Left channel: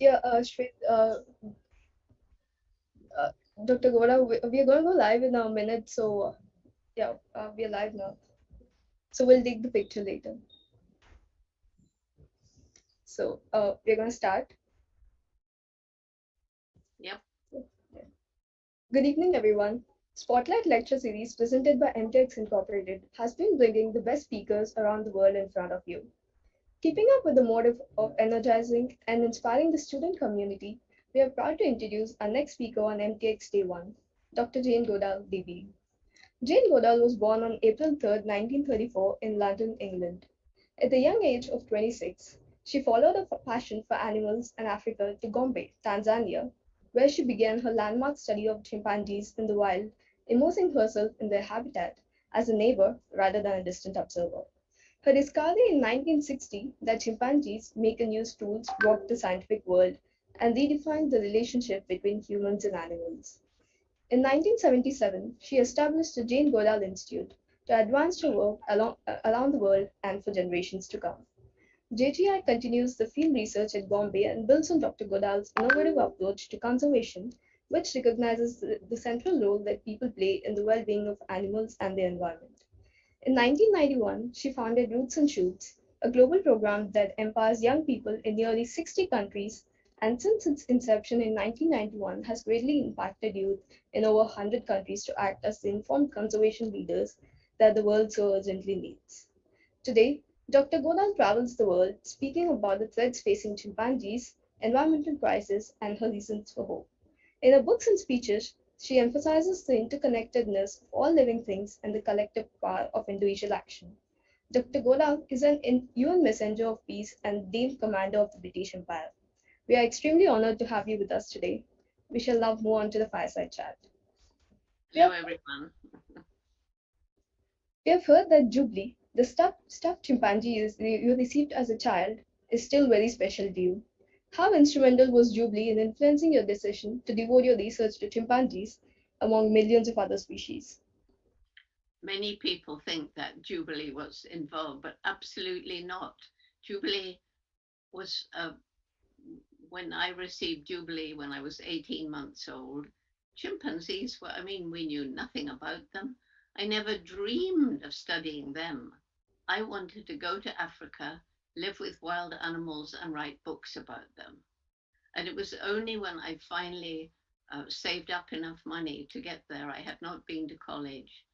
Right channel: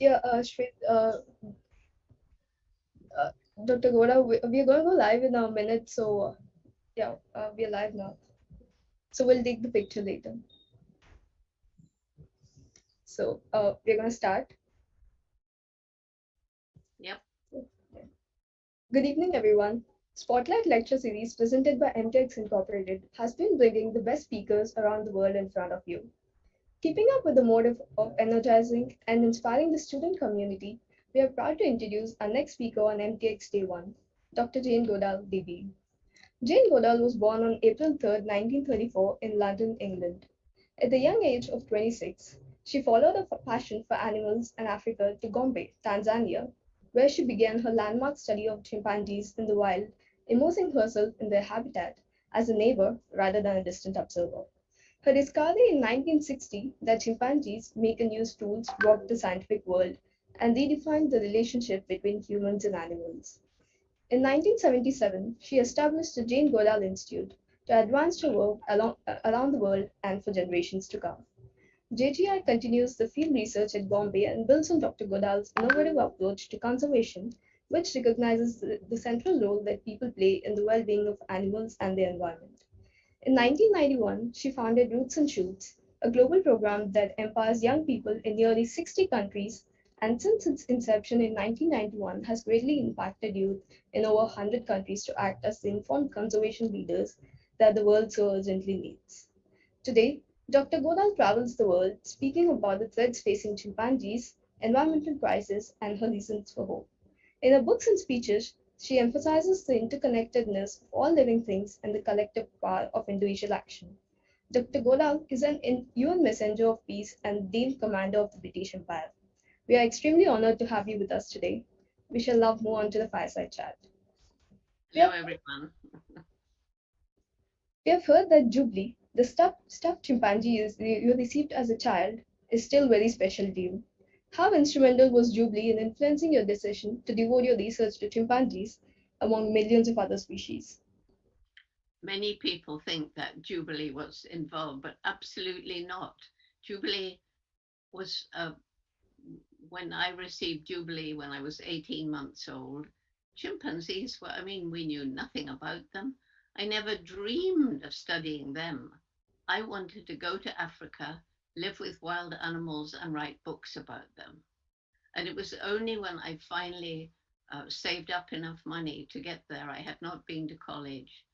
Yeah, Shwet, uh, Dr. Goda, we are going to go live in a minute, so yeah, we are live now. So we'll take the picture later. So we're going to start. Yep. Good evening, everyone. Spotlight Lecture Series presented by MTX Incorporated has been bringing the best speakers around the world in front of you. Keeping up with the motive of energizing and inspiring the student community, we are proud to introduce our next speaker on MTX Day 1, Dr. Jane Goodall, DBE. Jane Goodall was born on April 3, 1934 in London, England. At the young age of 26, she followed a passion for animals and Africa to Gombe, Tanzania, where she began her landmark study of chimpanzees in the wild, immersing herself in their habitat as a neighbor rather than a distant observer. Her discovery in 1960 that chimpanzees make and use tools rocked the scientific world and redefined the relationship between humans and animals. In 1977, she established the Jane Goodall Institute to advance her work around the world and for generations to come. JGI continues the field research at Gombe and builds on Dr. Goodall's innovative approach to conservation, which recognizes the central role that people play in the well being of animals and the environment. In 1991, she founded Roots and Shoots, a global program that empowers young people in nearly 60 countries, and since its inception in 1991 has greatly impacted youth in over 100 countries to act as the informed conservation leaders that the world so urgently needs. Today, Dr. Goodall travels the world speaking about the threats facing chimpanzees, environmental crisis, and her reasons for hope. In her books and speeches, she emphasizes the interconnectedness of all living things and the collective power of individual action. Dr. Goodall is an UN messenger of peace and Dane commander of the British Empire. We are extremely honored to have you with us today. We shall now move on to the fireside chat. We Hello, have, everyone. we have heard that Jubilee, the stuffed chimpanzee you received as a child, is still very special to you. How instrumental was Jubilee in influencing your decision to devote your research to chimpanzees among millions of other species? Many people think that Jubilee was involved, but absolutely not. Jubilee was, when I received Jubilee when I was 18 months old, chimpanzees were, I mean, we knew nothing about them. I never dreamed of studying them. I wanted to go to Africa, live with wild animals, and write books about them. And it was only when I finally saved up enough money to get there, I had not been to college,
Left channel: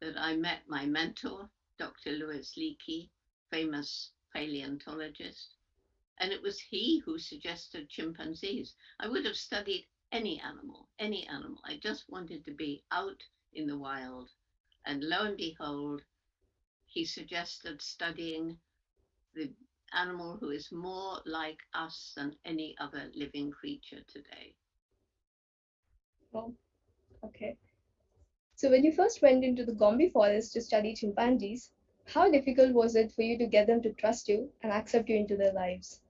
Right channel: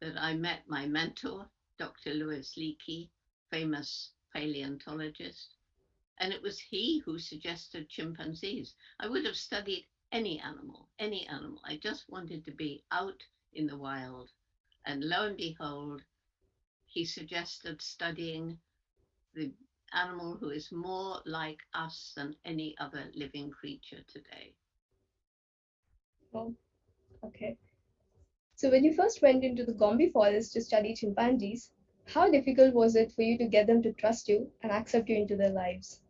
that I met my mentor, Dr. Louis Leakey, famous paleontologist. And it was he who suggested chimpanzees. I would have studied any animal, any animal. I just wanted to be out in the wild. And lo and behold, he suggested studying the animal who is more like us than any other living creature today. Oh, okay. So when you first went into the Gombe forest to study chimpanzees, how difficult was it for you to get them to trust you and accept you into their lives?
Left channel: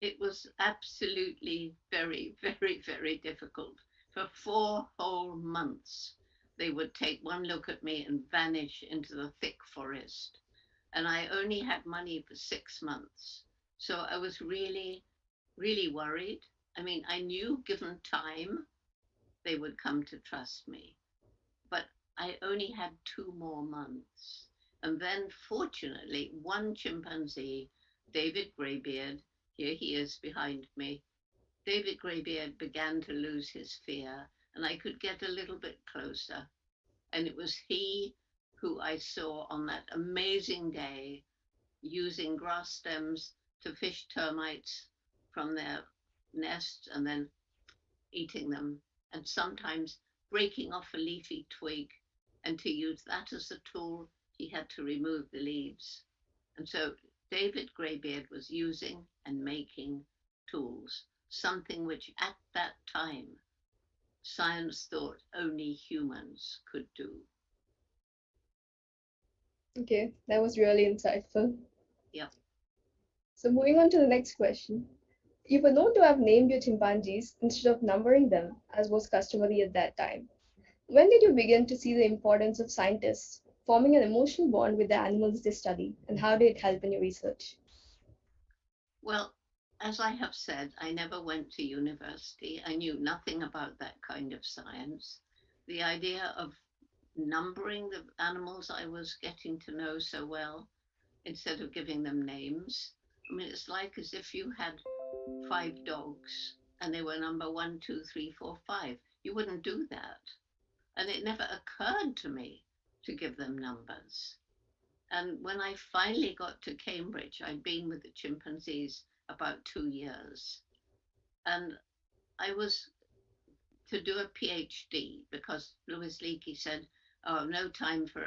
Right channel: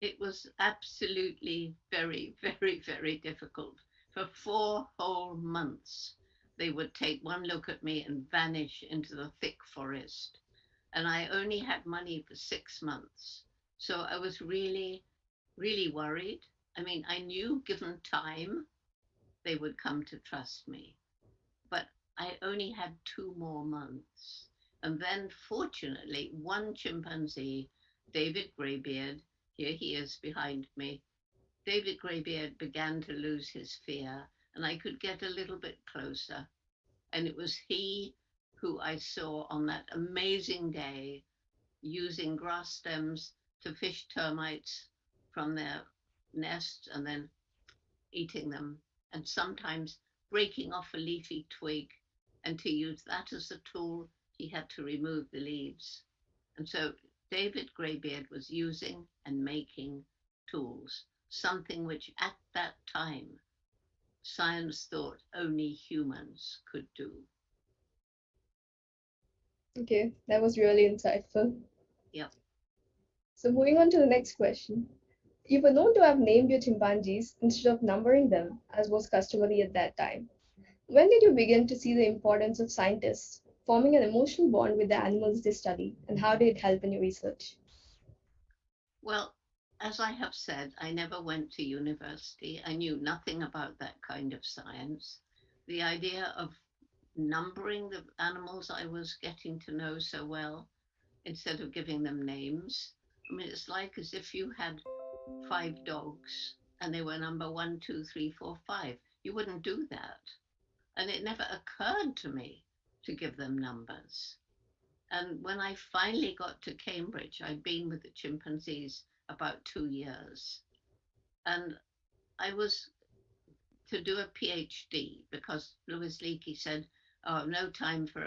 It was absolutely very, very, very difficult. For 4 whole months, they would take one look at me and vanish into the thick forest. And I only had money for 6 months. So I was really, really worried. I mean, I knew given time, they would come to trust me. But I only had 2 more months. And then, fortunately, one chimpanzee, David Greybeard, here he is behind me, David Greybeard began to lose his fear, and I could get a little bit closer. And it was he who I saw on that amazing day using grass stems to fish termites from their nests and then eating them, and sometimes breaking off a leafy twig. And to use that as a tool, he had to remove the leaves. And so David Greybeard was using and making tools, something which at that time science thought only humans could do. Okay, that was really insightful. Yep. So moving on to the next question. You were known to have named your chimpanzees instead of numbering them, as was customary at that time. When did you begin to see the importance of scientists forming an emotional bond with the animals they study, and how did it help in your research? Well, as I have said, I never went to university. I knew nothing about that kind of science. The idea of numbering the animals I was getting to know so well instead of giving them names. I mean, it's like as if you had five dogs and they were number one, two, three, four, five. You wouldn't do that. And it never occurred to me to give them numbers. And when I finally got to Cambridge, I'd been with the chimpanzees about 2 years. And I was to do a PhD because Louis Leakey said, "Oh, no time for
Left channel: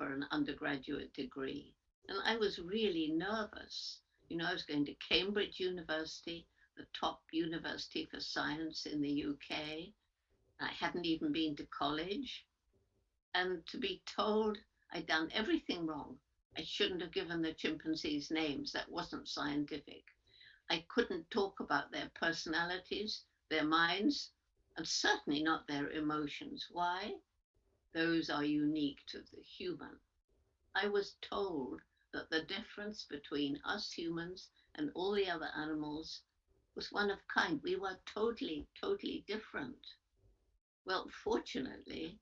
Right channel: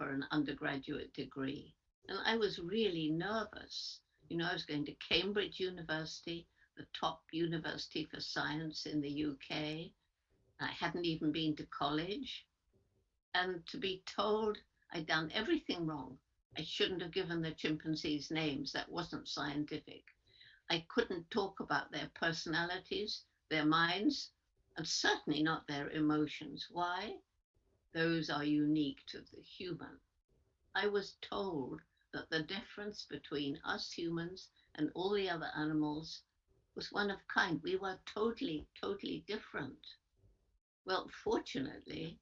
an undergraduate degree." And I was really nervous. You know, I was going to Cambridge University, the top university for science in the UK. I hadn't even been to college. And to be told I'd done everything wrong. I shouldn't have given the chimpanzees names. That wasn't scientific. I couldn't talk about their personalities, their minds, and certainly not their emotions. Why? Those are unique to the human. I was told that the difference between us humans and all the other animals was one of kind. We were totally, totally different. Well, fortunately,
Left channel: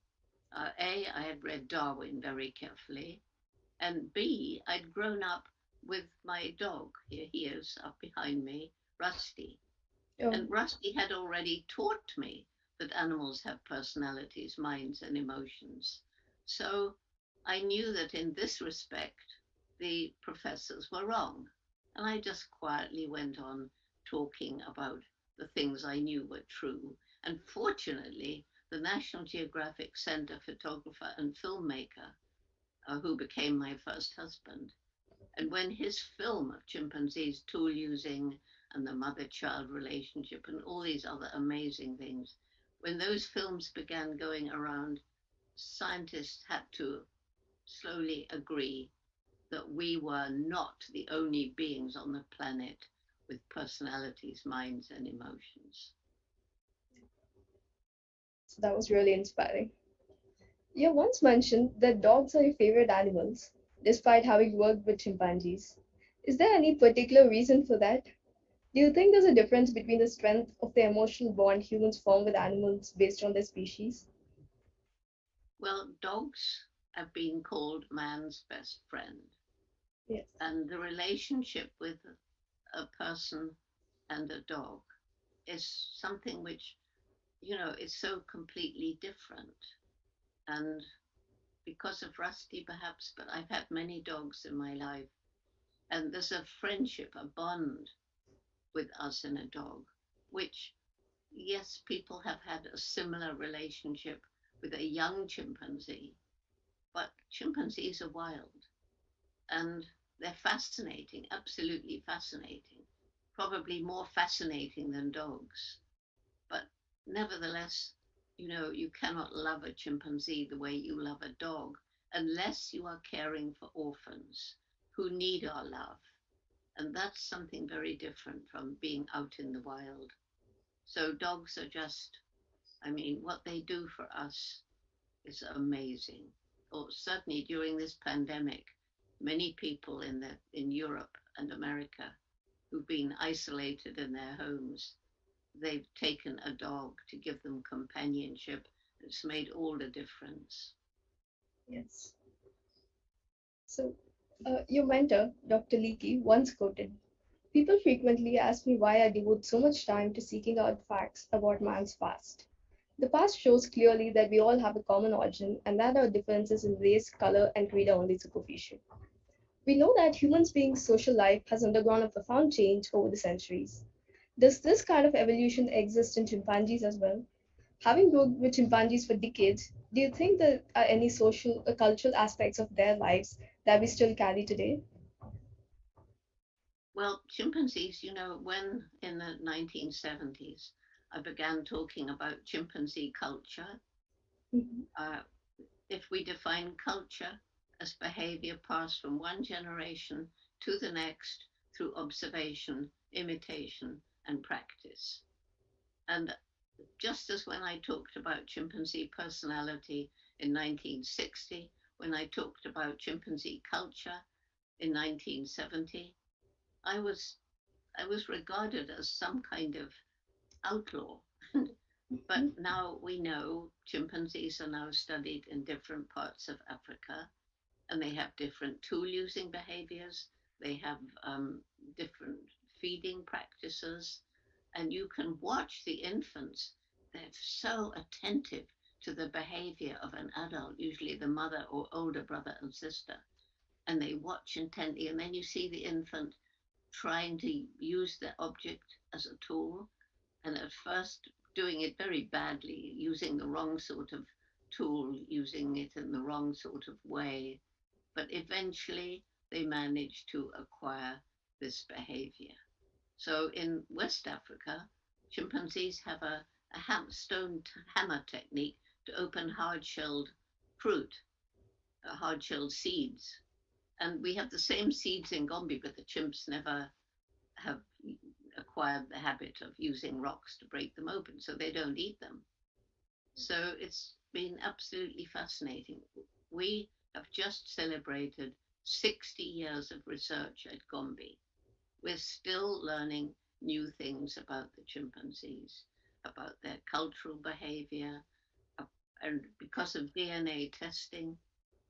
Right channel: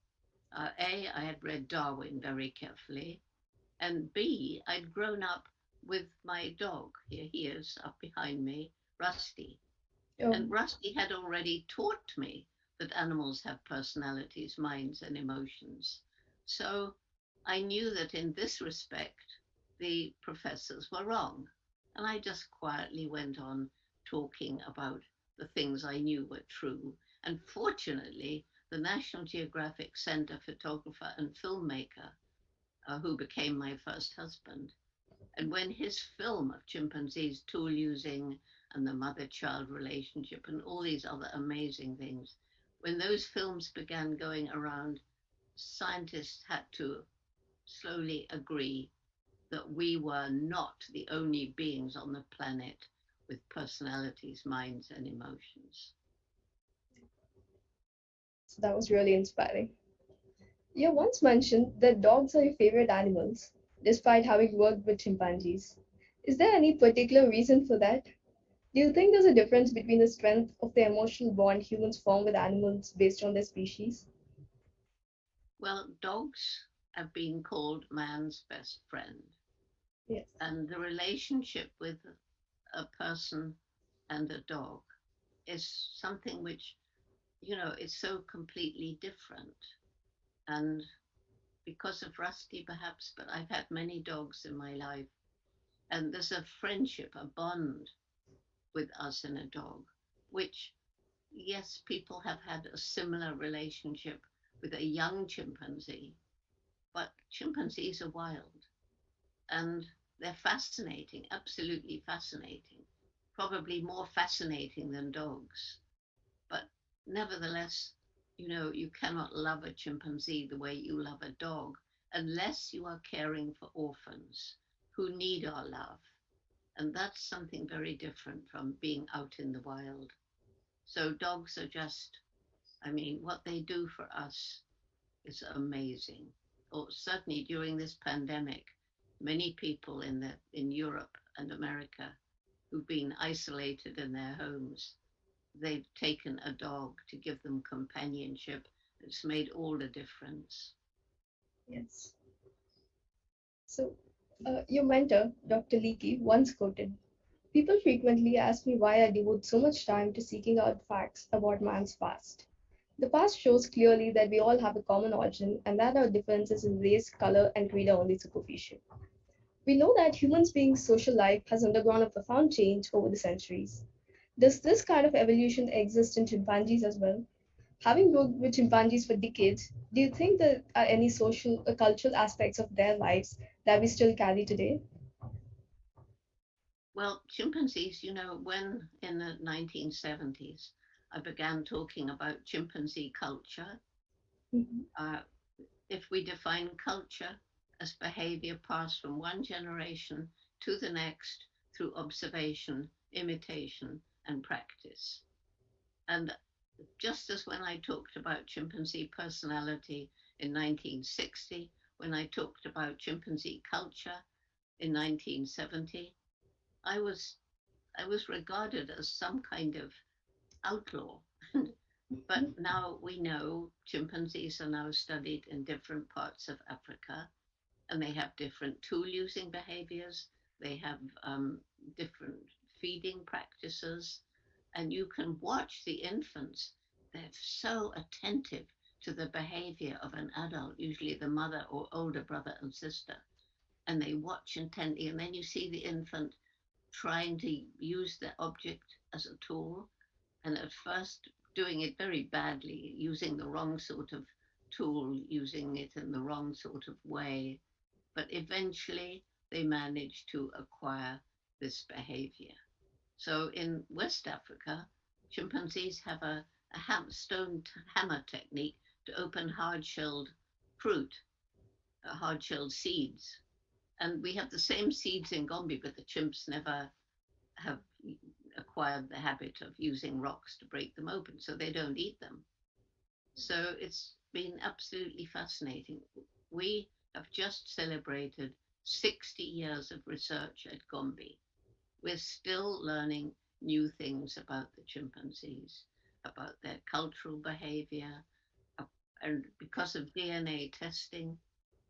A, I had read Darwin very carefully, and B, I'd grown up with my dog. Here he is up behind me, Rusty. Oh, And Rusty had already taught me that animals have personalities, minds, and emotions. So I knew that in this respect, the professors were wrong. And I just quietly went on talking about the things I knew were true. And fortunately, the National Geographic Center photographer and filmmaker, who became my first husband, and when his film of chimpanzees tool using and the mother child relationship and all these other amazing things, when those films began going around, scientists had to slowly agree that we were not the only beings on the planet with personalities, minds, and emotions. so that was really inspiring. You once mentioned that dogs are your favorite animals, despite having worked with chimpanzees. Is there any particular reason for that? Do you think there's a difference between the strength of the emotional bond humans form with animals based on their species? Well, dogs have been called man's best friend, Yes. and the relationship with a person and a dog is something which, is so completely different. And because of Rusty, perhaps, but I've had many dogs in my life, and there's a friendship, a bond with us and a dog, which, yes, people have had a similar relationship with a young chimpanzee, but chimpanzees are wild and they're fascinating, absolutely fascinating, probably more fascinating than dogs. But nevertheless, you cannot love a chimpanzee the way you love a dog unless you are caring for orphans who need our love. And that's something very different from being out in the wild. So dogs are just, I mean, what they do for us is amazing. Or certainly during this pandemic, many people in Europe and America who've been isolated in their homes, they've taken a dog to give them companionship. It's made all the difference. Yes. So, your mentor, Dr. Leakey, once quoted, "People frequently ask me why I devote so much time to seeking out facts about man's past. The past shows clearly that we all have a common origin and that our differences in race, color, and creed are only superficial. We know that humans being social life has undergone a profound change over the centuries. Does this kind of evolution exist in chimpanzees as well? Having worked with chimpanzees for decades, do you think there are any social or cultural aspects of their lives that we still carry today?" Well, chimpanzees, when in the 1970s I began talking about chimpanzee culture, Mhm. uh, if we define culture as behavior passed from one generation to the next through observation, imitation, and practice. And just as when I talked about chimpanzee personality in 1960, when I talked about chimpanzee culture in 1970, I was I was regarded as some kind of outlaw. But Mhm. now we know chimpanzees are now studied in different parts of Africa, and they have different tool using behaviors. They have different feeding practices, and you can watch the infants. They're so attentive to the behavior of an adult, usually the mother or older brother and sister, and they watch intently. And then you see the infant trying to use the object as a tool, and at first doing it very badly, using the wrong sort of tool, using it in the wrong sort of way. But eventually they manage to acquire this behavior. So in West Africa, chimpanzees have a stone hammer technique to open hard shelled fruit, hard shelled seeds. And we have the same seeds in Gombe, but the chimps never have acquired the habit of using rocks to break them open, so they don't eat them. So it's been absolutely fascinating. We have just celebrated 60 years of research at Gombe. We're still learning new things about the chimpanzees, about their cultural behavior. And because of DNA testing,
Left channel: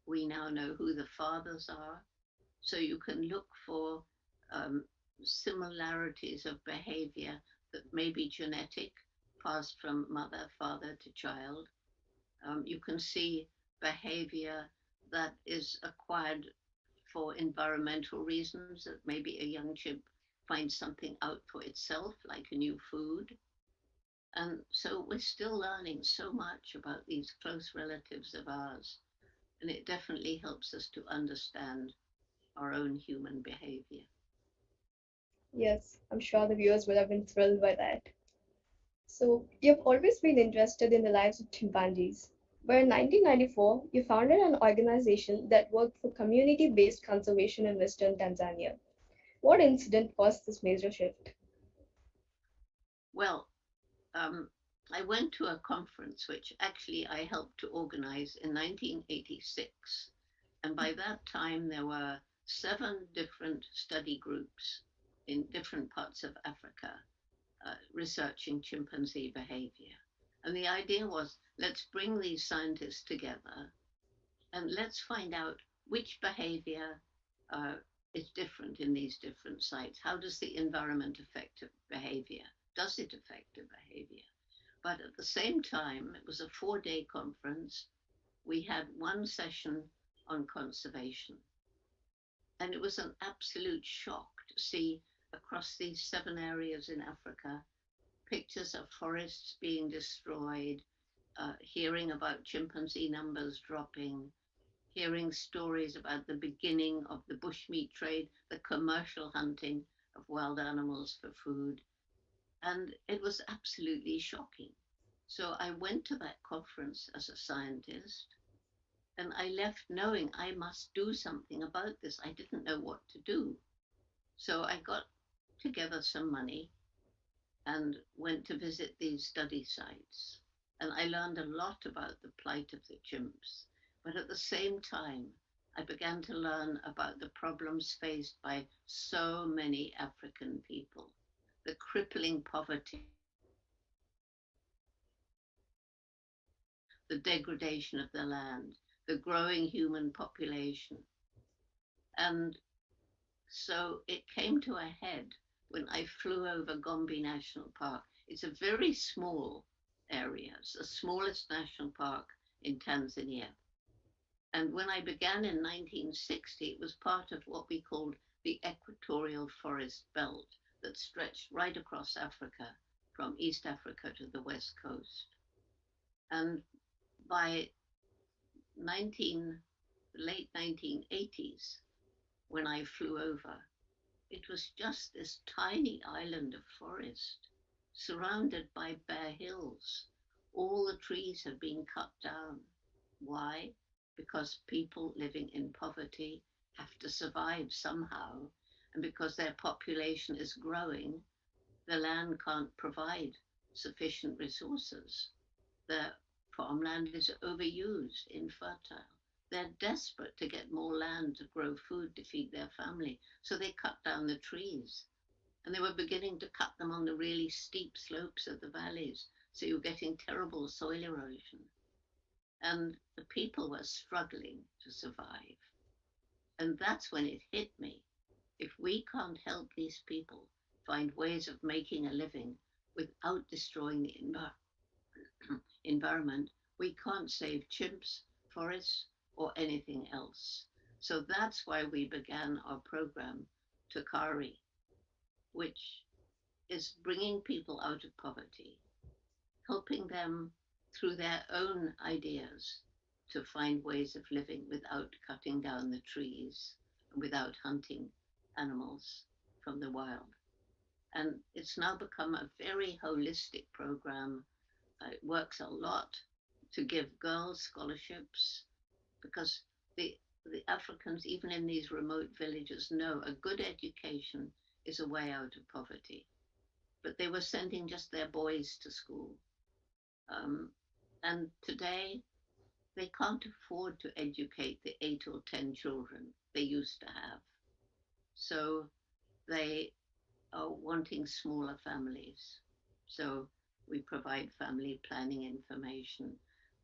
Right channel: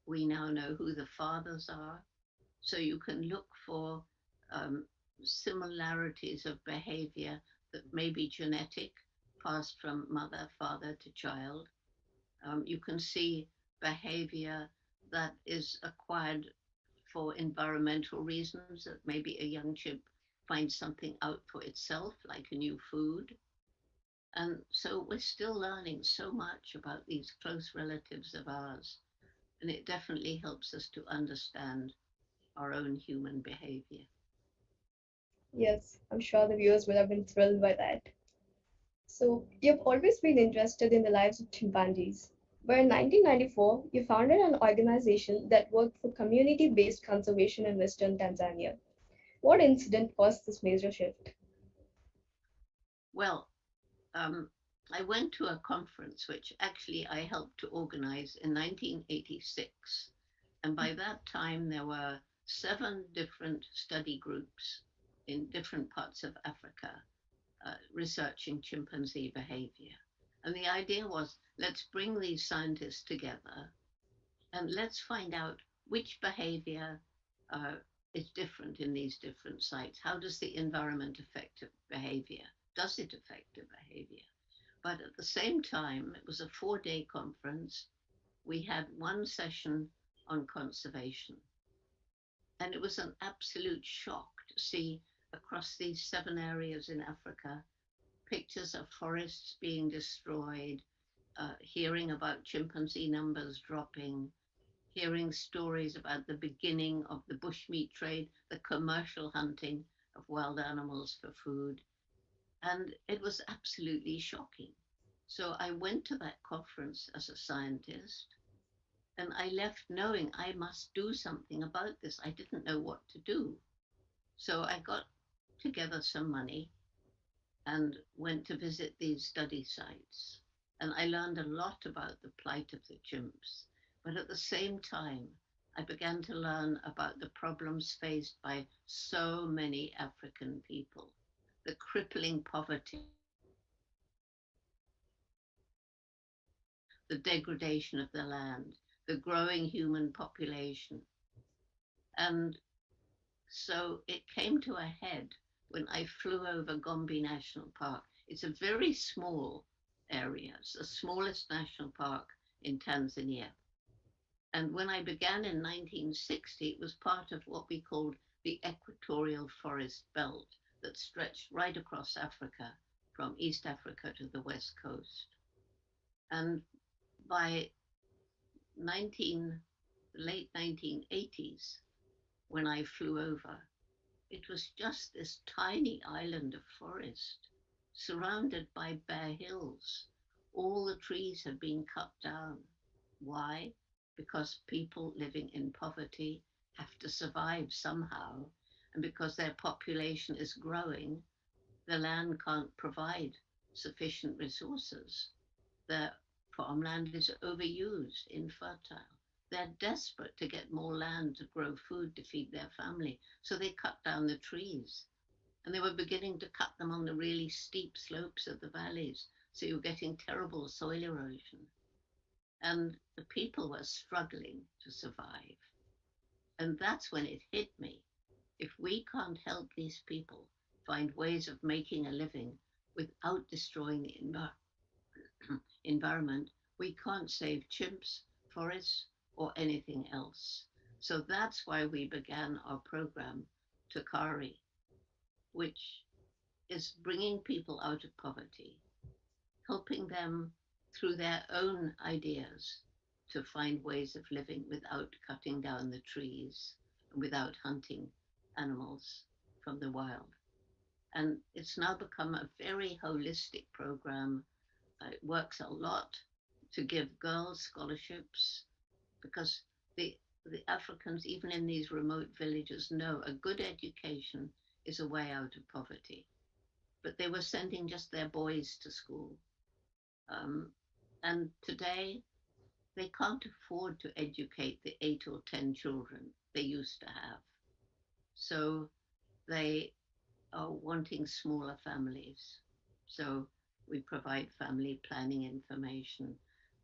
we now know who the fathers are. So you can look for um, similarities of behavior that may be genetic, passed from mother, father to child. You can see behavior that is acquired for environmental reasons, that maybe a young chimp finds something out for itself, like a new food. And so we're still learning so much about these close relatives of ours. And it definitely helps us to understand our own human behavior. Yes, I'm sure the viewers would have been thrilled by that. So, you've always been interested in the lives of chimpanzees, but in 1994, you founded an organization that worked for community based conservation in Western Tanzania. What incident caused this major shift? Well, um, I went to a conference which actually I helped to organize in 1986. And by that time, there were 7 different study groups in different parts of Africa researching chimpanzee behavior. And the idea was, let's bring these scientists together and let's find out which behavior uh, is different in these different sites. How does the environment affect behavior? Does it affect the behavior? But at the same time, it was a 4 day conference. We had one session on conservation. And it was an absolute shock to see across these 7 areas in Africa pictures of forests being destroyed, hearing about chimpanzee numbers dropping, hearing stories about the beginning of the bushmeat trade, the commercial hunting of wild animals for food. And it was absolutely shocking. So I went to that conference as a scientist, and I left knowing I must do something about this. I didn't know what to do. So I got together some money and went to visit these study sites. And I learned a lot about the plight of the chimps. But at the same time, I began to learn about the problems faced by so many African people, the crippling poverty, the degradation of the land, the growing human population. And so it came to a head when I flew over Gombe National Park. It's a very small area, it's the smallest national park in Tanzania. And when I began in 1960, it was part of what we called the equatorial forest belt that stretched right across Africa from East Africa to the west coast. And by 19, late 1980s, when I flew over, it was just this tiny island of forest surrounded by bare hills. All the trees had been cut down. Why? Because people living in poverty have to survive somehow, and because their population is growing, the land can't provide sufficient resources. The farmland is overused, infertile. They're desperate to get more land to grow food to feed their family, so they cut down the trees. And they were beginning to cut them on the really steep slopes of the valleys. So you're getting terrible soil erosion. And the people were struggling to survive. And that's when it hit me. If we can't help these people find ways of making a living without destroying the environment, we can't save chimps, forests, or anything else. So that's why we began our program, Takari, which is bringing people out of poverty, helping them through their own ideas to find ways of living without cutting down the trees, without hunting animals from the wild. And it's now become a very holistic program. It works a lot to give girls scholarships because the the Africans, even in these remote villages, know a good education is a way out of poverty. But they were sending just their boys to school. Um, and today they can't afford to educate the 8 or 10 children they used to have. So they are wanting smaller families. So we provide family planning information,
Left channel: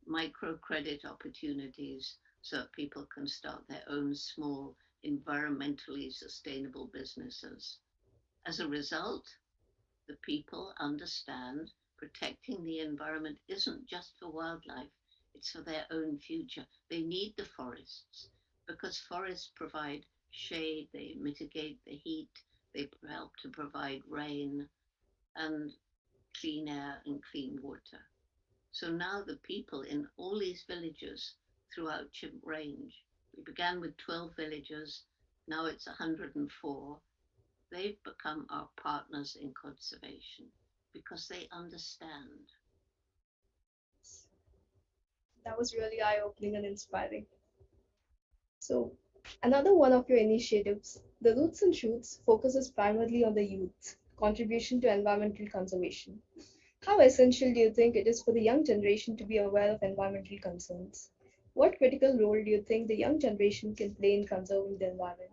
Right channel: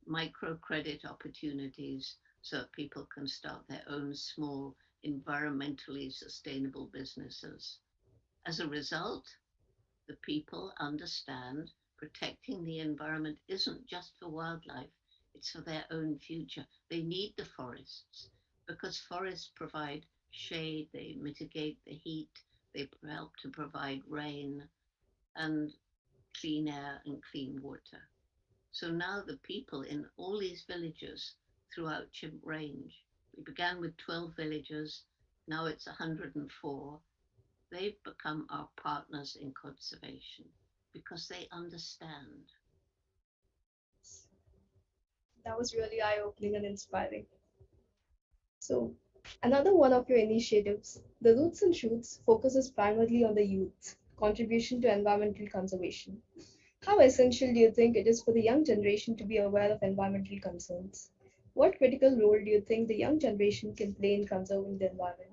microcredit opportunities so that people can start their own small, environmentally sustainable businesses. As a result, the people understand protecting the environment isn't just for wildlife, it's for their own future. They need the forests because forests provide shade, they mitigate the heat, they help to provide rain and clean air and clean water. So now the people in all these villages throughout Chimp Range, we began with 12 villages, now it's 104, they've become our partners in conservation because they understand. That was really eye-opening and inspiring. So, another one of your initiatives, the Roots and Shoots, focuses primarily on the youth's contribution to environmental conservation. How essential do you think it is for the young generation to be aware of environmental concerns? What critical role do you think the young generation can play in conserving the environment?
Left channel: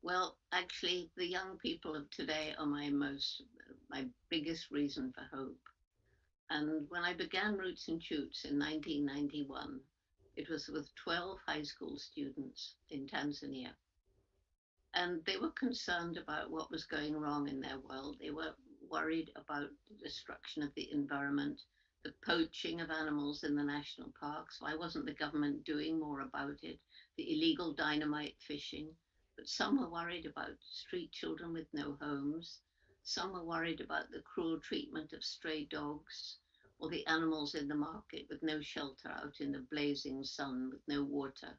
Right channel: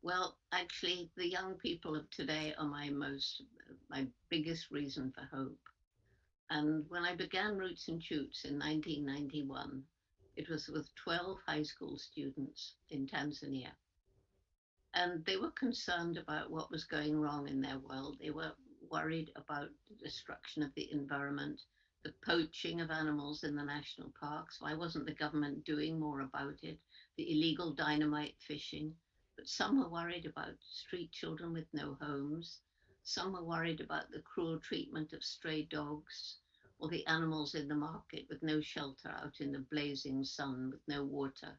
Well, actually, the young people of today are my biggest reason for hope. And when I began Roots and Shoots in 1991, it was with 12 high school students in Tanzania. And they were concerned about what was going wrong in their world. They were worried about the destruction of the environment, the poaching of animals in the national parks. Why wasn't the government doing more about it? The illegal dynamite fishing. But some were worried about street children with no homes. Some were worried about the cruel treatment of stray dogs or the animals in the market with no shelter out in the blazing sun with no water.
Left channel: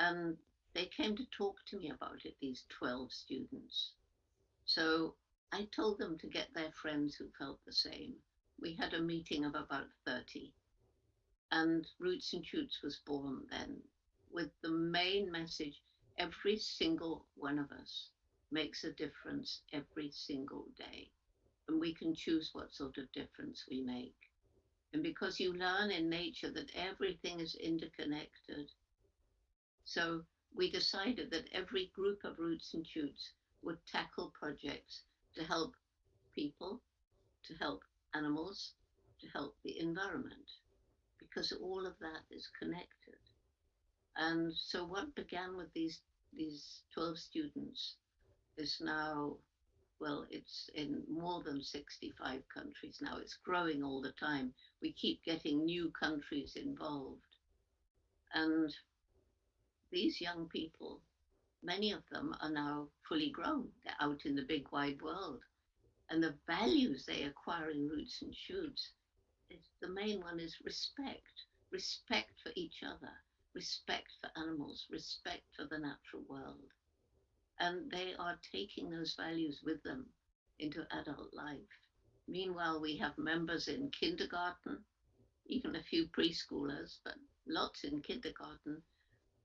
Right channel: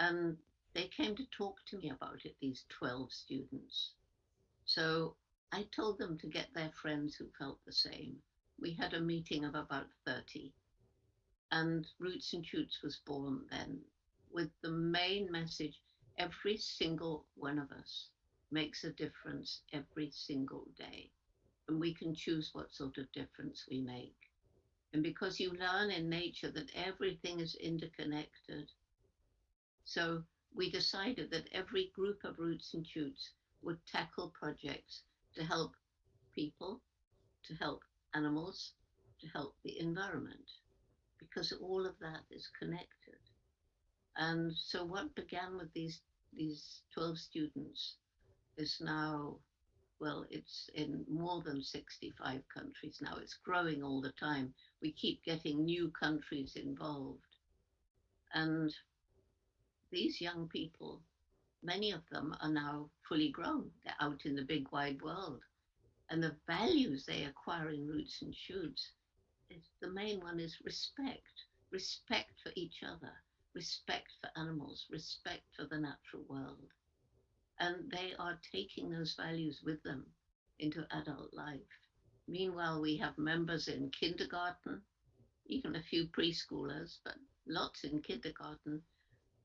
And they came to talk to me about it, these 12 students. So I told them to get their friends who felt the same. We had a meeting of about 30, and Roots and Shoots was born then with the main message every single one of us makes a difference every single day, and we can choose what sort of difference we make. And because you learn in nature that everything is interconnected, so we decided that every group of Roots and Shoots would tackle projects to help people, to help animals, to help the environment, because all of that is connected. And so what began with these 12 students is now, well, it's in more than 65 countries now. It's growing all the time. We keep getting new countries involved. And these young people, many of them are now fully grown. They're out in the big wide world. And the values they acquire in Roots and Shoots, the main one is respect. Respect for each other, respect for animals, respect for the natural world. And they are taking those values with them into adult life. Meanwhile, we have members in kindergarten, even a few preschoolers, but lots in kindergarten,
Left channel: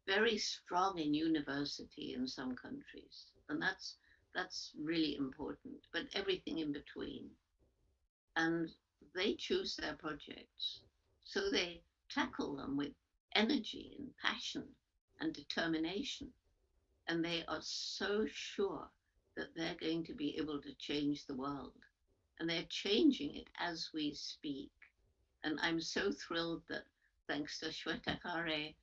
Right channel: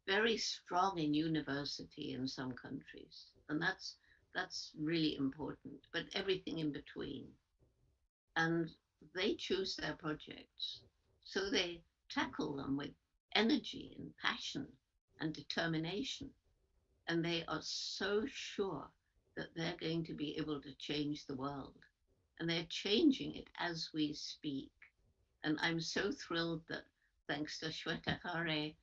very strong in university in some countries. And that's really important, but everything in between. And they choose their projects. So they tackle them with energy and passion and determination. And they are so sure that they're going to be able to change the world. And they're changing it as we speak. And I'm so thrilled that thanks to Shweta Khare,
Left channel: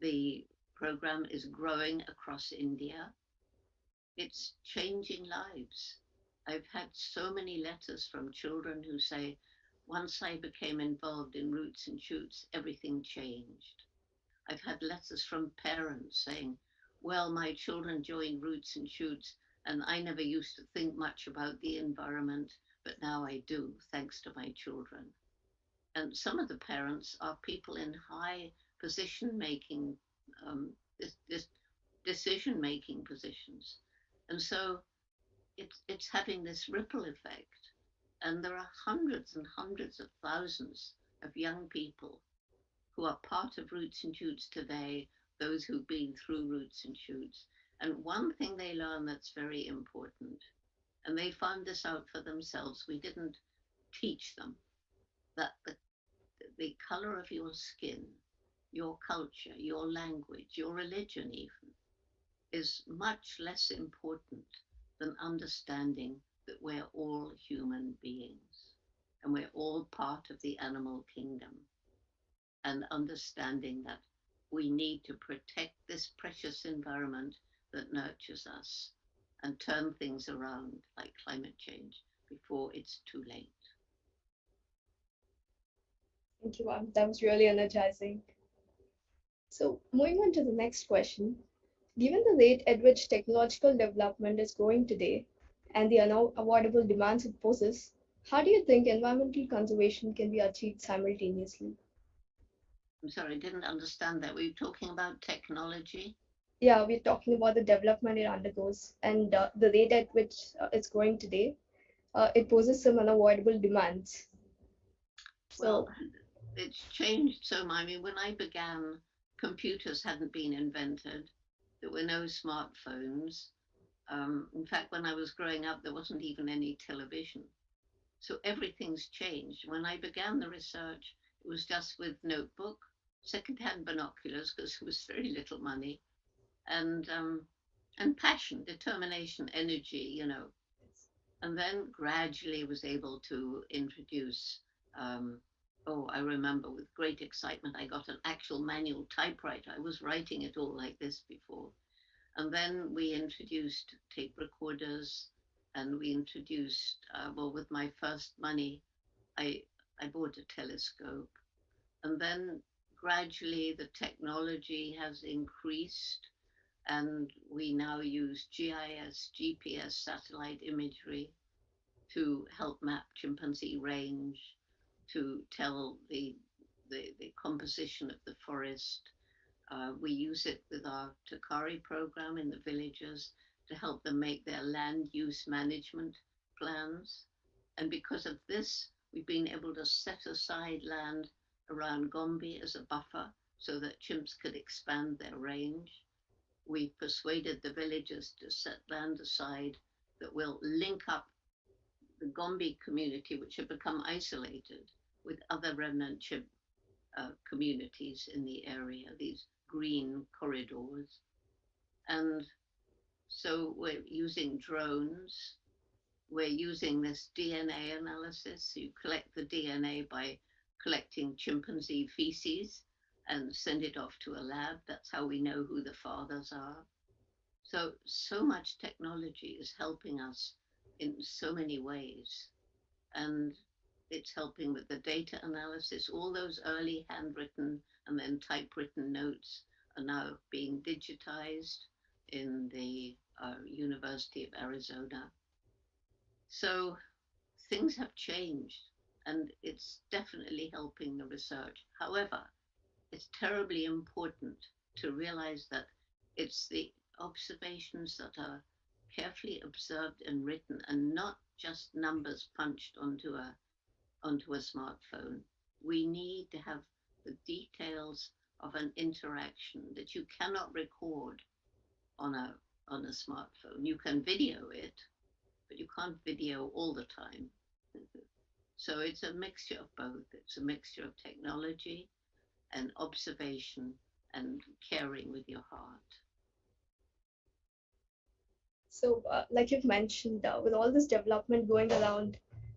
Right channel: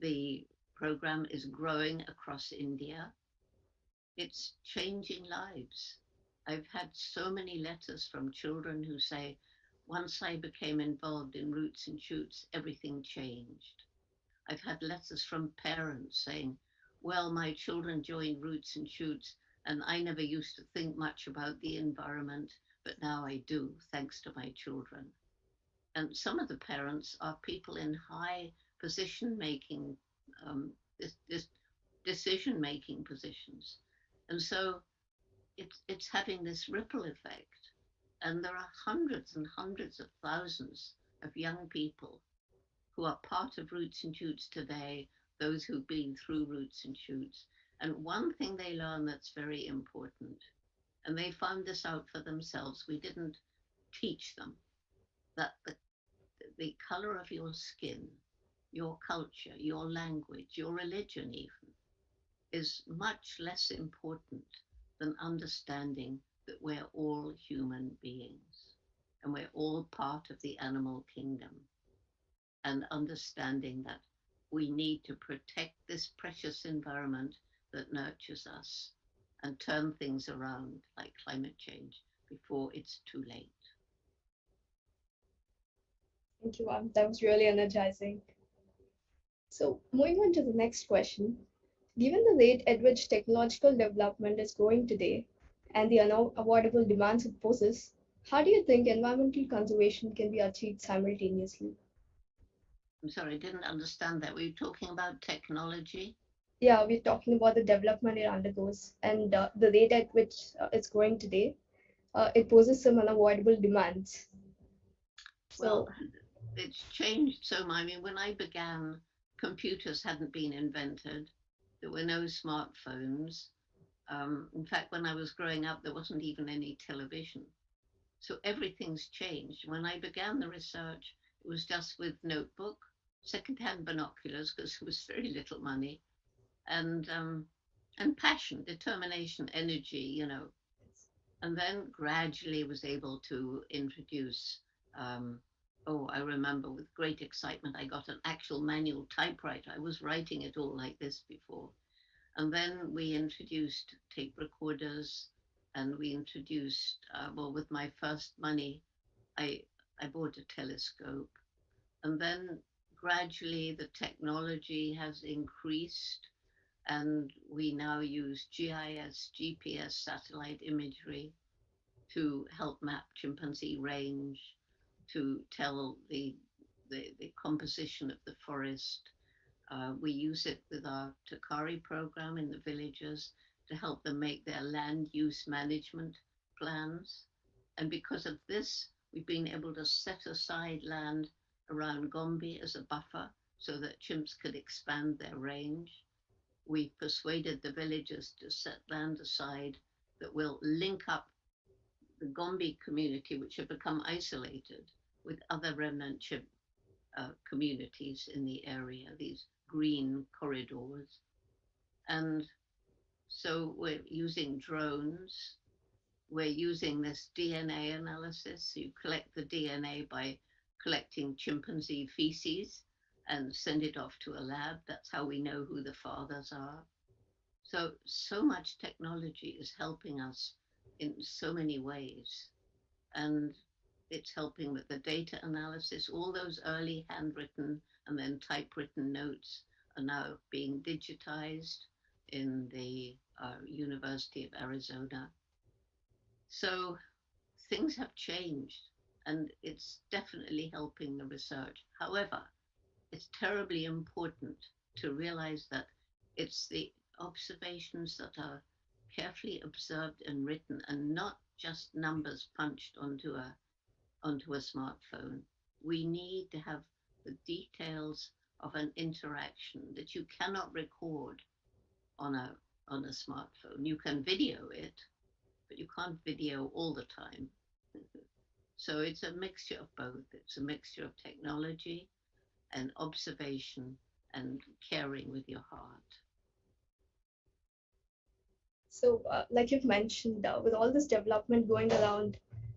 the program is growing across India. It's changing lives. I've had so many letters from children who say, once I became involved in Roots and Shoots, everything changed. I've had letters from parents saying, well, my children joined Roots and Shoots, and I never used to think much about the environment, but now I do, thanks to my children. And some of the parents are people in high position making, um, this decision making positions. And so it's having this ripple effect. And there are hundreds and hundreds of thousands of young people who are part of Roots and Shoots today, those who've been through Roots and Shoots. And one thing they learn that's very important, and they found this out for themselves, we didn't teach them, that the color of your skin, your culture, your language, your religion even, is much less important than understanding that we're all human beings and we're all part of the animal kingdom, and understanding that we need to protect this precious environment that nurtures us and turn things around like climate change before it's too late. Thank you, ma'am. That was really energizing. So, moving on to the next question. Given the rate at which technological development is growing today and the unavoidable demands it poses, how do you think environmental conservation can be achieved simultaneously? I'm sorry, I didn't understand that. Were you talking about technology? Yeah, we're talking about the development it undergoes and the rate at which it's growing today. It poses some unavoidable demands. Well, So, it's changed so much. I mean, when I began, computers hadn't been invented. There were no smartphones. In fact, when I was growing up, there wasn't even any television. So everything's changed. When I began the research, it was just with notebook, secondhand binoculars, because there was very little money, and passion, determination, energy, and then gradually was able to introduce. Oh, I remember with great excitement, I got an actual manual typewriter. I was writing it all like this before. And then we introduced tape recorders, and we introduced, well, with my first money, I, I bought a telescope. And then gradually the technology has increased, and we now use GIS, GPS, satellite imagery to help map chimpanzee range, to tell the composition of the forest. We use it with our Takari program in the villages to help them make their land use management plans. And because of this, we've been able to set aside land around Gombe as a buffer so that chimps could expand their range. We've persuaded the villagers to set land aside that will link up the Gombe community, which have become isolated, with other remnant chimp communities in the area, these green corridors. And so we're using drones. We're using this DNA analysis. You collect the DNA by collecting chimpanzee feces and send it off to a lab. That's how we know who the fathers are. So much technology is helping us in so many ways. And it's helping with the data analysis. All those early handwritten and then typewritten notes are now being digitized in the University of Arizona. So things have changed, and it's definitely helping the research. However, it's terribly important to realize that it's the observations that are carefully observed and written, and not just numbers punched onto a smartphone. We need to have the details of an interaction that you cannot record on a smartphone. You can video it, but you can't video all the time. So it's a mixture of both. It's a mixture of technology and observation and caring with your heart. So, like you've mentioned, with all this development going around,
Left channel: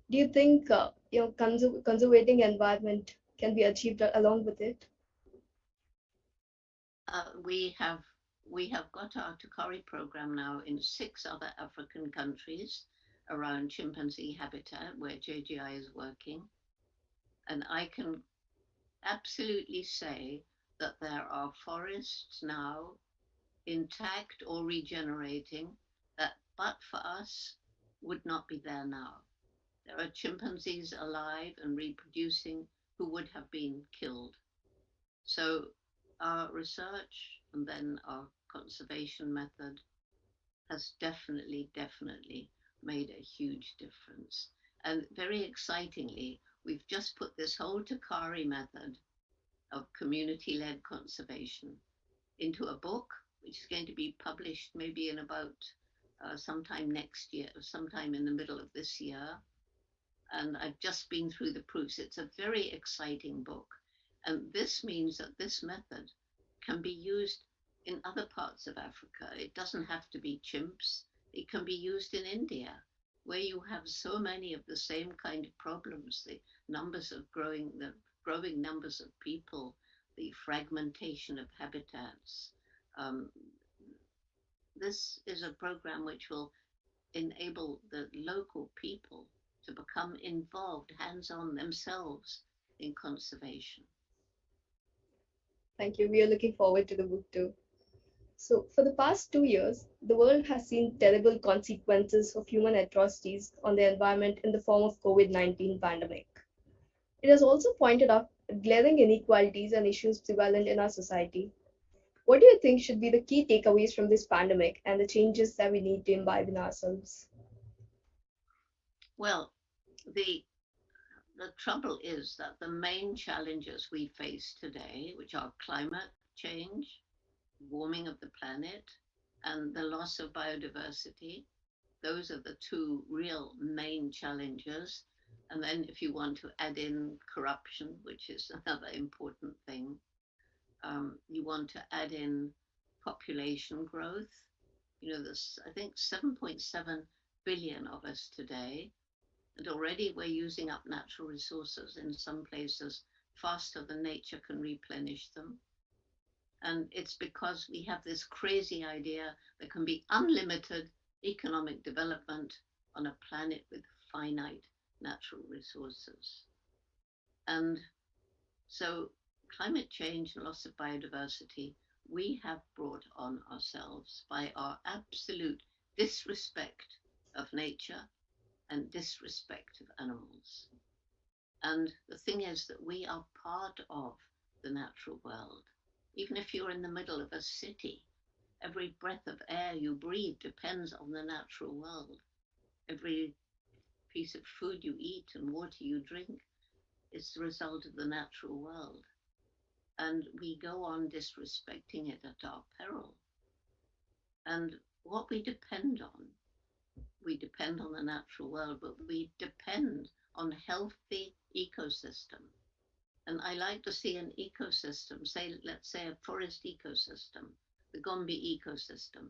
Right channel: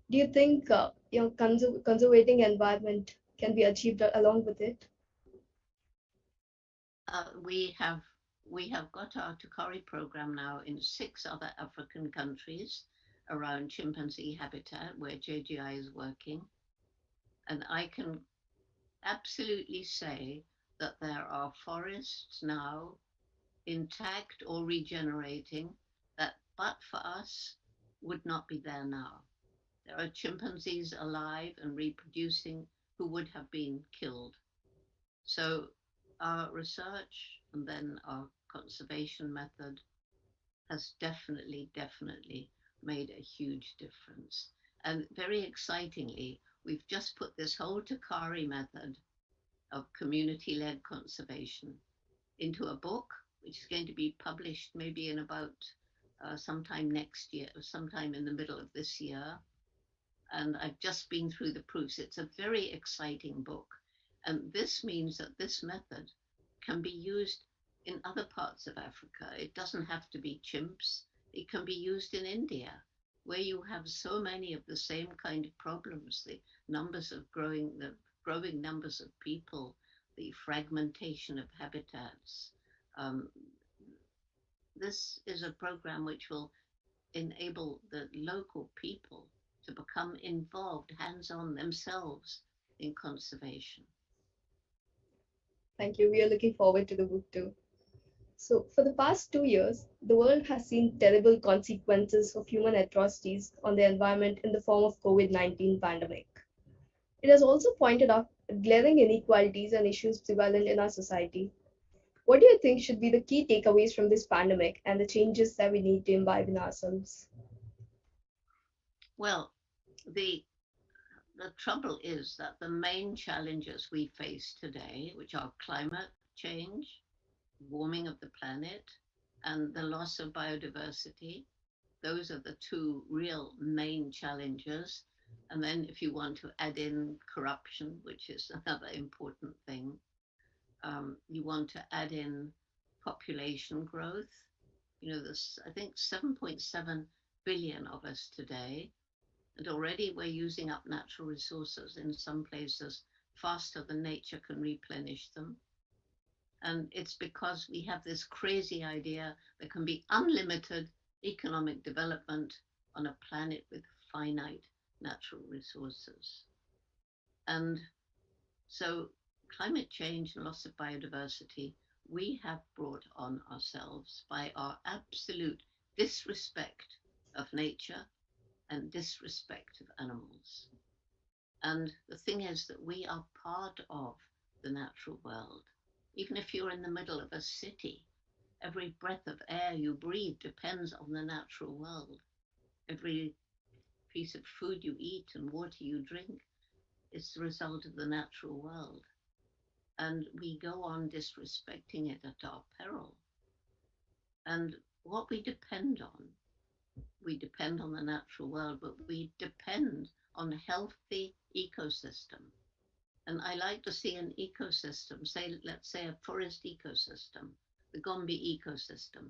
do you think conservating environment can be achieved along with it? Uh, we have we have got our Tukari program now in 6 other African countries around chimpanzee habitat where JGI is working, and I can absolutely say that there are forests now intact or regenerating that, but for us, would not be there now. There are chimpanzees alive and reproducing who would have been killed. So our research and then our conservation method has definitely made a huge difference. And very excitingly, we've just put this whole Takari method of community led conservation into a book, which is going to be published maybe in about sometime next year, sometime in the middle of this year. And I've just been through the proofs. It's a very exciting book. And this means that this method can be used in other parts of Africa. It doesn't have to be chimps. It can be used in India, where you have so many of the same kind of problems, the growing numbers of people, the fragmentation of habitats. Um, this is a program which will enable the local people to become involved hands on themselves in conservation. Thank you. We are looking forward to the book too. So, for the past 2 years, the world has seen terrible consequences of human atrocities on the environment in the form of COVID-19 pandemic. It has also pointed out glaring inequalities and issues prevalent in our society. What do you think should be the key takeaways from this pandemic and the changes that we need to imbibe in ourselves? Well, the the trouble is that the main challenges we face today, which are climate change, warming of the planet, and the loss of biodiversity, those are the two real main challenges. And then, if you want to add in corruption, which is another important thing, you want to add in population growth. You know, there's, I think, 7.7 billion of us today, and already we're using up natural resources in some places faster than nature can replenish them. And it's because we have this crazy idea there can be unlimited economic development on a planet with finite natural resources. And so, climate change and loss of biodiversity, we have brought on ourselves by our absolute disrespect of nature and disrespect of animals. And the thing is that we are part of the natural world. Even if you're in the middle of a city, every breath of air you breathe depends on the natural world. Every piece of food you eat and water you drink is the result of the natural world. And we go on disrespecting it at our peril. And what we depend on the natural world, but we depend on a healthy ecosystem. And I like to see an ecosystem, say, let's say a forest ecosystem, the Gombe ecosystem.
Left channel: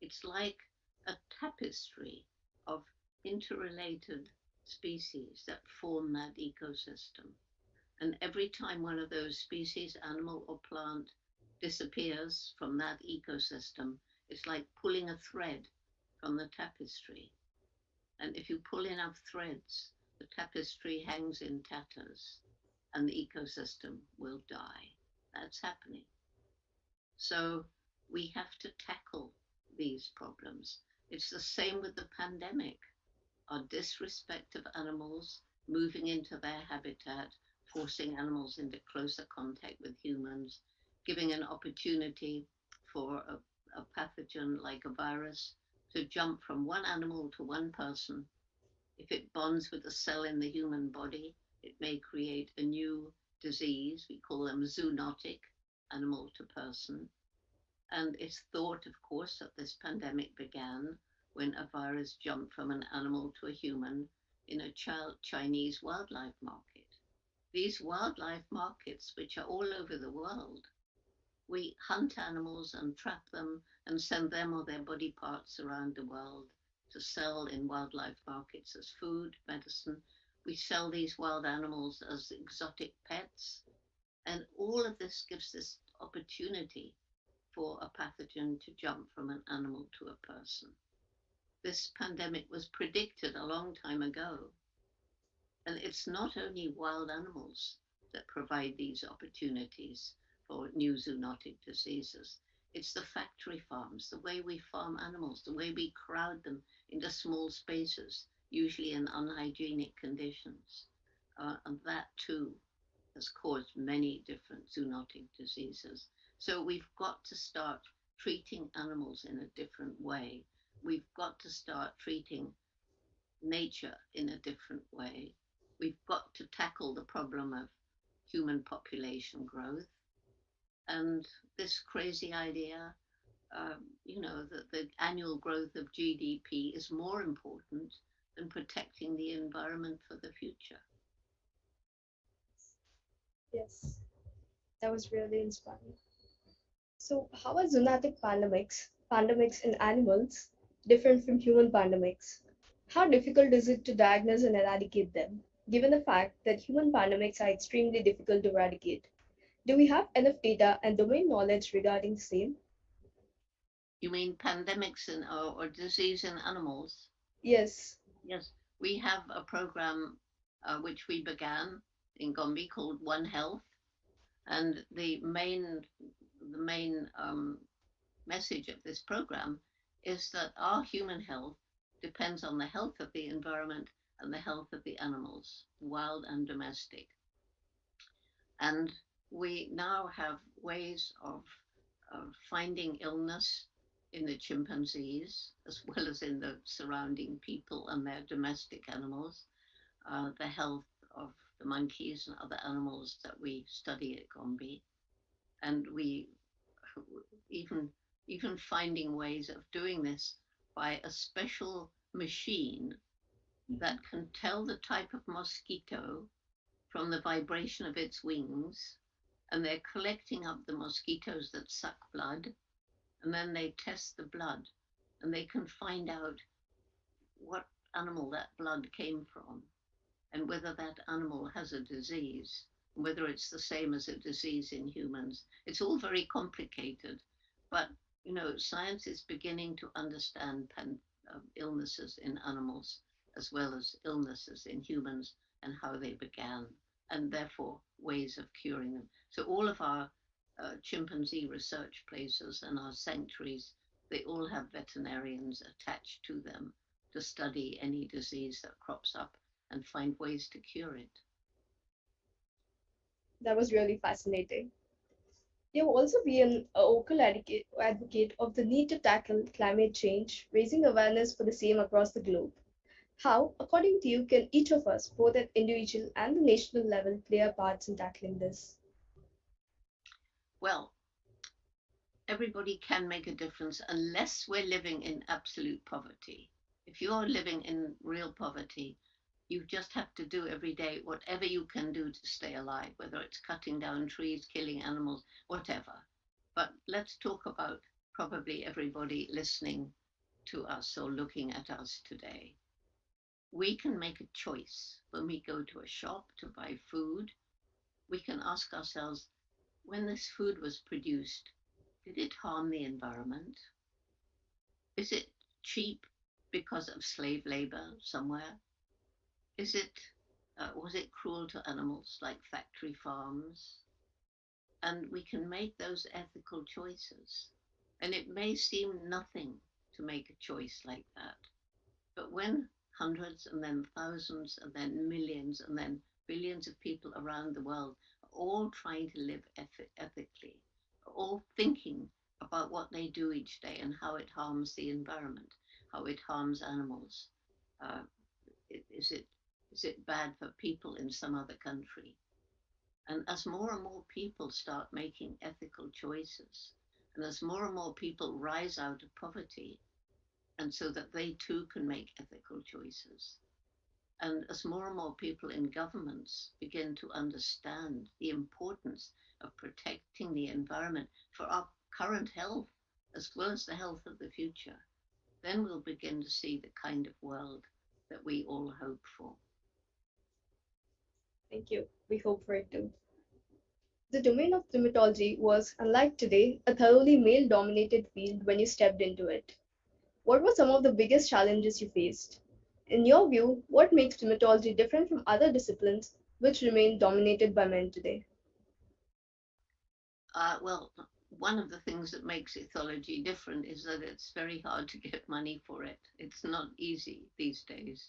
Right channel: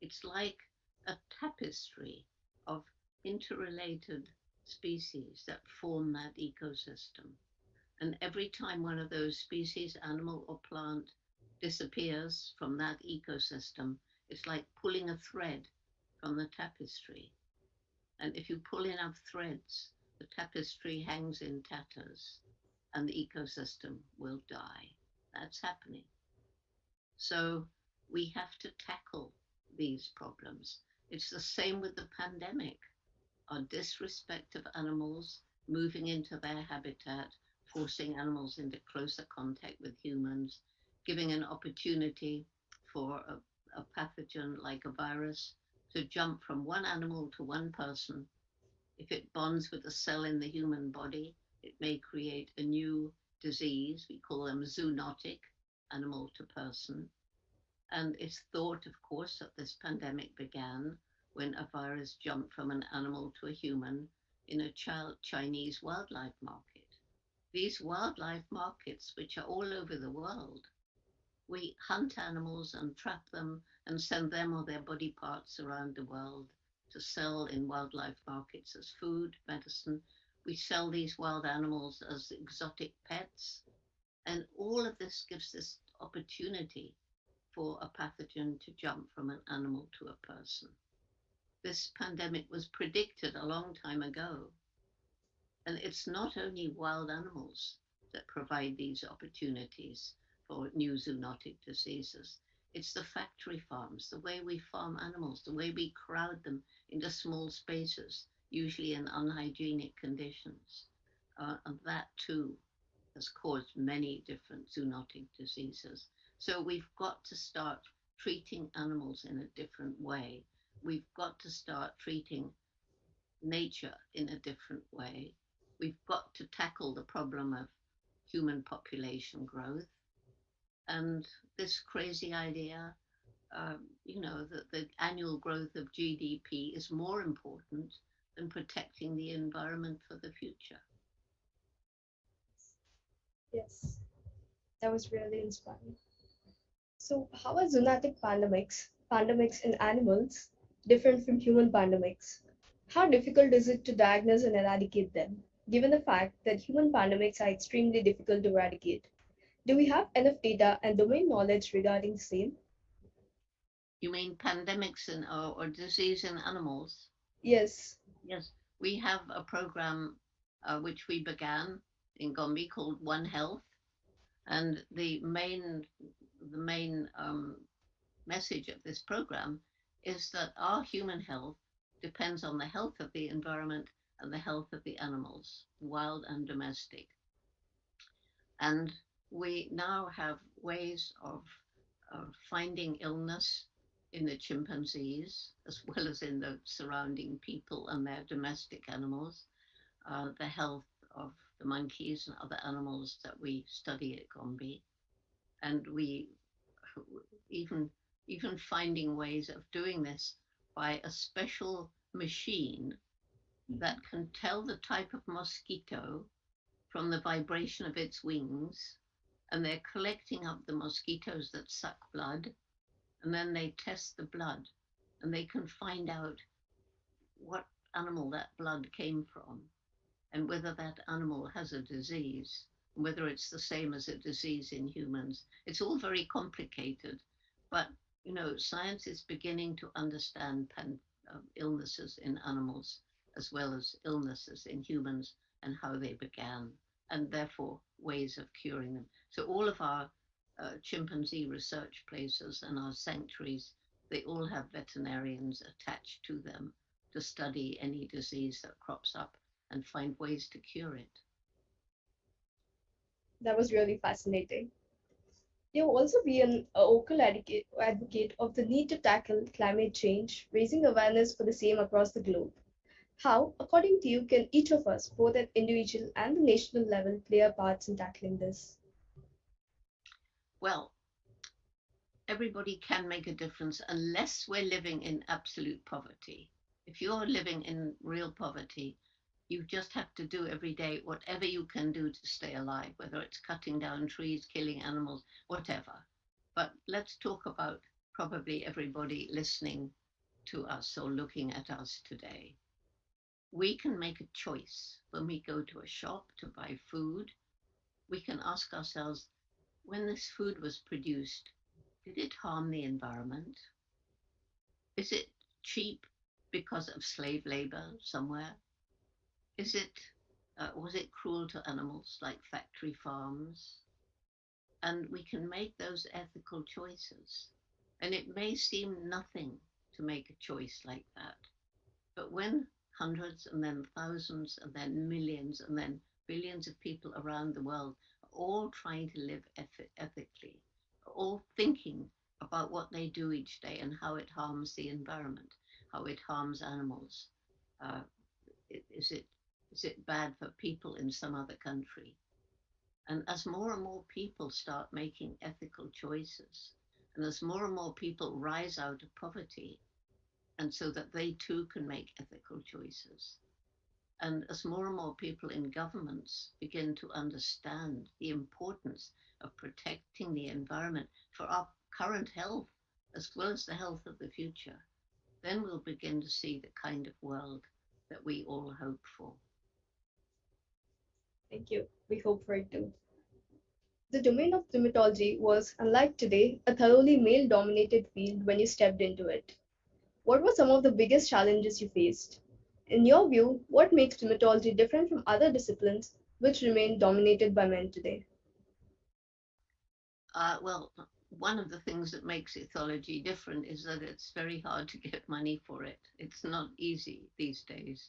It's like a tapestry of interrelated species that form that ecosystem. And every time one of those species, animal or plant, disappears from that ecosystem, it's like pulling a thread from the tapestry. And if you pull enough threads, the tapestry hangs in tatters and the ecosystem will die. That's happening. So we have to tackle these problems. It's the same with the pandemic. Our disrespect of animals, moving into their habitat, forcing animals into closer contact with humans, giving an opportunity for a pathogen like a virus to jump from one animal to one person. If it bonds with a cell in the human body, it may create a new disease. We call them zoonotic, animal to person. And it's thought, of course, that this pandemic began when a virus jumped from an animal to a human in a Chinese wildlife market. These wildlife markets, which are all over the world, We hunt animals and trap them and send them or their body parts around the world to sell in wildlife markets as food, medicine. We sell these wild animals as exotic pets. And all of this gives this opportunity for a pathogen to jump from an animal to a person. This pandemic was predicted a long time ago. And it's not only wild animals that provide these opportunities for new zoonotic diseases. It's the factory farms, the way we farm animals, the way we crowd them into small spaces, usually in unhygienic conditions. And that too has caused many different zoonotic diseases. So we've got to start treating animals in a different way. We've got to start treating nature in a different way. We've got to tackle the problem of human population growth and this crazy idea, that the annual growth of GDP is more important than protecting the environment for the future. Yes, that was really inspiring. So, how are zoonotic pandemics in animals, different from human pandemics? How difficult is it to diagnose and eradicate them, given the fact that human pandemics are extremely difficult to eradicate? Do we have enough data and domain knowledge regarding the same? You mean pandemics or disease in animals? Yes, Yes, we have a program which we began in Gombe called One Health, and the main message of this program is that our human health depends on the health of the environment and the health of the animals, wild and domestic. And we now have ways of finding illness in the chimpanzees as well as in the surrounding people and their domestic animals, the health of the monkeys and other animals that we study at Gombe. And we even even finding ways of doing this by a special machine that can tell the type of mosquito from the vibration of its wings, and they're collecting up the mosquitoes that suck blood, and then they test the blood, and they can find out what animal that blood came from, and whether that animal has a disease, whether it's the same as a disease in humans. It's all very complicated, but science is beginning to understand illnesses in animals as well as illnesses in humans and how they began, and therefore ways of curing them. So all of our chimpanzee research places and our sanctuaries, they all have veterinarians attached to them to study any disease that crops up and find ways to cure it. that was really fascinating. You've also been a vocal advocate of the need to tackle climate change, raising awareness for the same across the globe. How, according to you, can each of us, both at individual and the national level, play our parts in tackling this? Well, everybody can make a difference unless we're living in absolute poverty. If you're living in real poverty, you just have to do every day whatever you can do to stay alive, whether it's cutting down trees, killing animals, whatever. But let's talk about probably everybody listening to us or looking at us today. We can make a choice when we go to a shop to buy food. We can ask ourselves, when this food was produced, did it harm the environment? Is it cheap because of slave labor somewhere? Is it Was it cruel to animals like factory farms? And we can make those ethical choices. And it may seem nothing to make a choice like that, but when hundreds and then thousands and then millions and then billions of people around the world are all trying to live ethically, all thinking about what they do each day and how it harms the environment, how it harms animals. Uh, is it bad for people in some other country? And as more and more people start making ethical choices, and as more and more people rise out of poverty, and so that they too can make ethical choices, and as more and more people in governments begin to understand the importance of protecting the environment for our current health as well as the health of the future, then we'll begin to see the kind of world that we all hope for. Thank you. We hope for it too. The domain of dermatology was, unlike today, a thoroughly male dominated field when you stepped into it. What were some of the biggest challenges you faced? In your view, what makes dermatology different from other disciplines which remain dominated by men today? Well, one of the things that makes ethology different is that it's very hard to get money for it. It's not easy these days.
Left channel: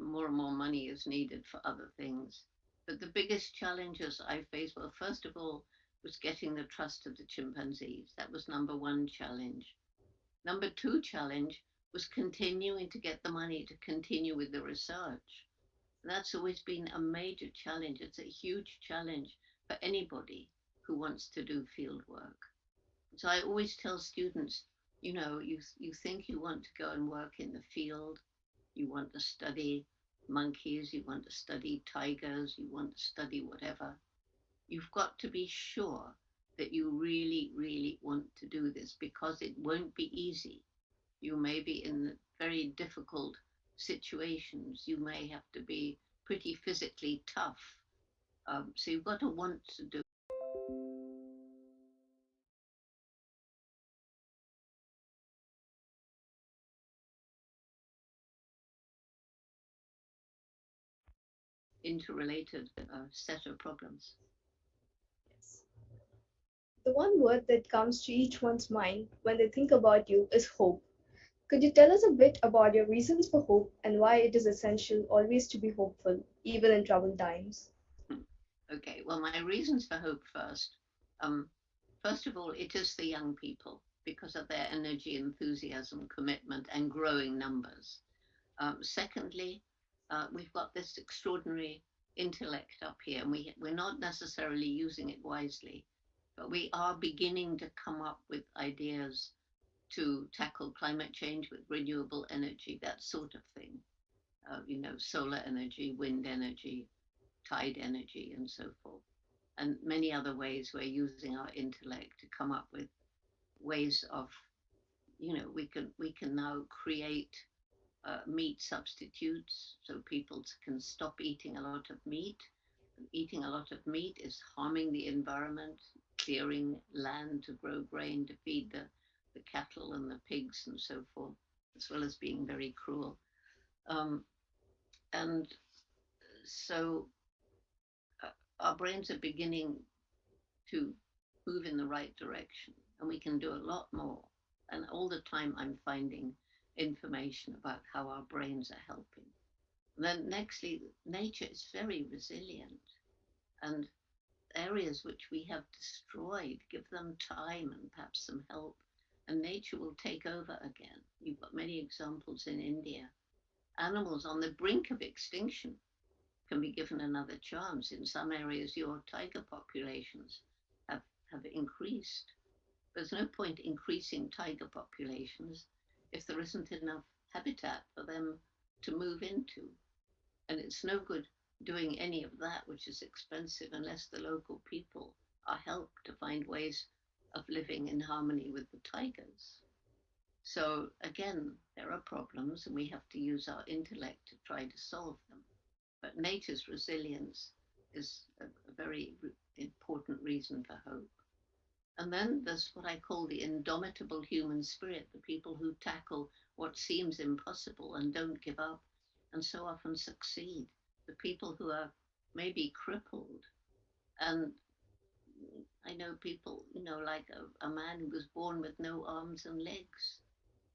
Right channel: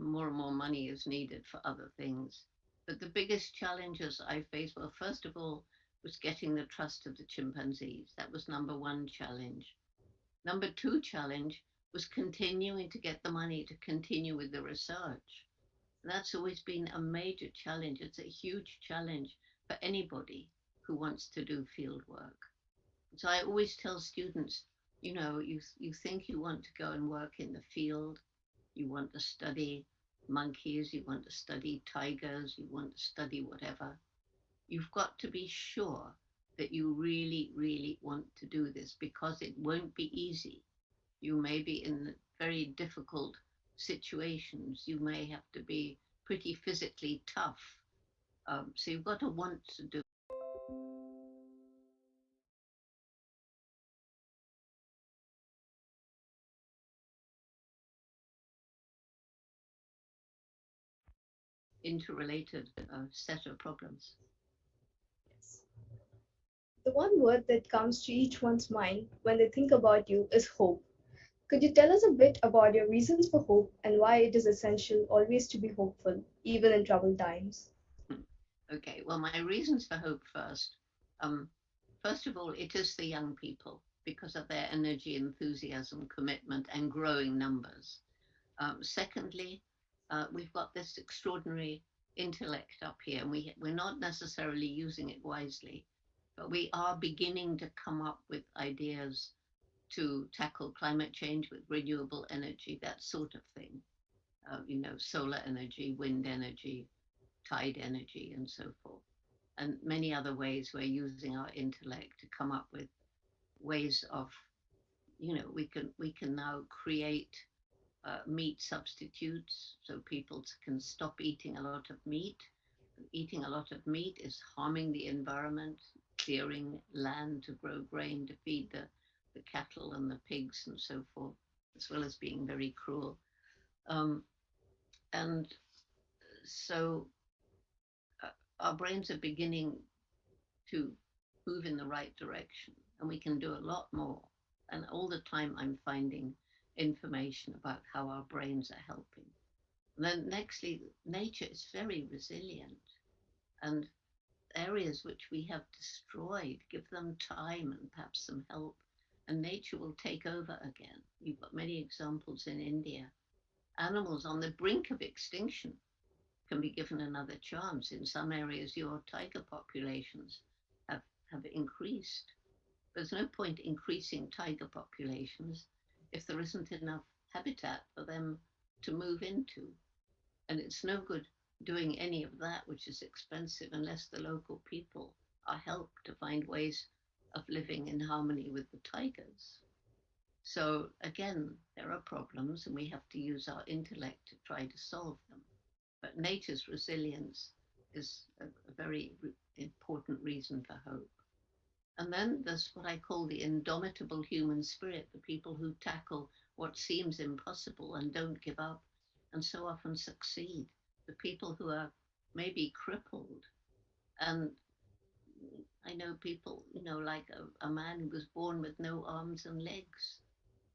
More and more money is needed for other things. But the biggest challenges I faced, well, first of all, was getting the trust of the chimpanzees. That was number one challenge. Number two challenge was continuing to get the money to continue with the research. That's always been a major challenge. It's a huge challenge for anybody who wants to do field work. So I always tell students, you think you want to go and work in the field, you want to study monkeys, you want to study tigers, you want to study whatever. You've got to be sure that you really, really want to do this because it won't be easy. You may be in very difficult situations. You may have to be pretty physically tough. So you've got to want to do interrelated set of problems. Yes. The one word that comes to each one's mind when they think about you is hope. Could you tell us a bit about your reasons for hope and why it is essential always to be hopeful, even in troubled times? Okay, well, my reasons for hope first. Um, First of all, it is the young people because of their energy, enthusiasm, commitment, and growing numbers. Secondly, we've got this extraordinary intellect up here, and we're not necessarily using it wisely, but we are beginning to come up with ideas to tackle climate change with renewable energy, that sort of thing. Solar energy, wind energy, tide energy, and so forth. And many other ways we're using our intellect to come up with ways of, we can now create meat substitutes so people can stop eating a lot of meat. Eating a lot of meat is harming the environment, clearing land to grow grain to feed the cattle and the pigs and so forth, as well as being very cruel. Um, and so our brains are beginning to move in the right direction, and we can do a lot more. And all the time, I'm finding information about how our brains are helping. And then, nextly, nature is very resilient, and areas which we have destroyed, give them time and perhaps some help, and nature will take over again. You've got many examples in India. Animals on the brink of extinction can be given another chance. In some areas, your tiger populations have, have increased. There's no point increasing tiger populations if there isn't enough habitat for them to move into. And it's no good doing any of that, which is expensive, unless the local people are helped to find ways of living in harmony with the tigers. So again, there are problems, and we have to use our intellect to try to solve them. But nature's resilience is a very important reason for hope. And then there's what I call the indomitable human spirit, the people who tackle what seems impossible and don't give up and so often succeed, the people who are maybe crippled. And I know people, like a man who was born with no arms and legs.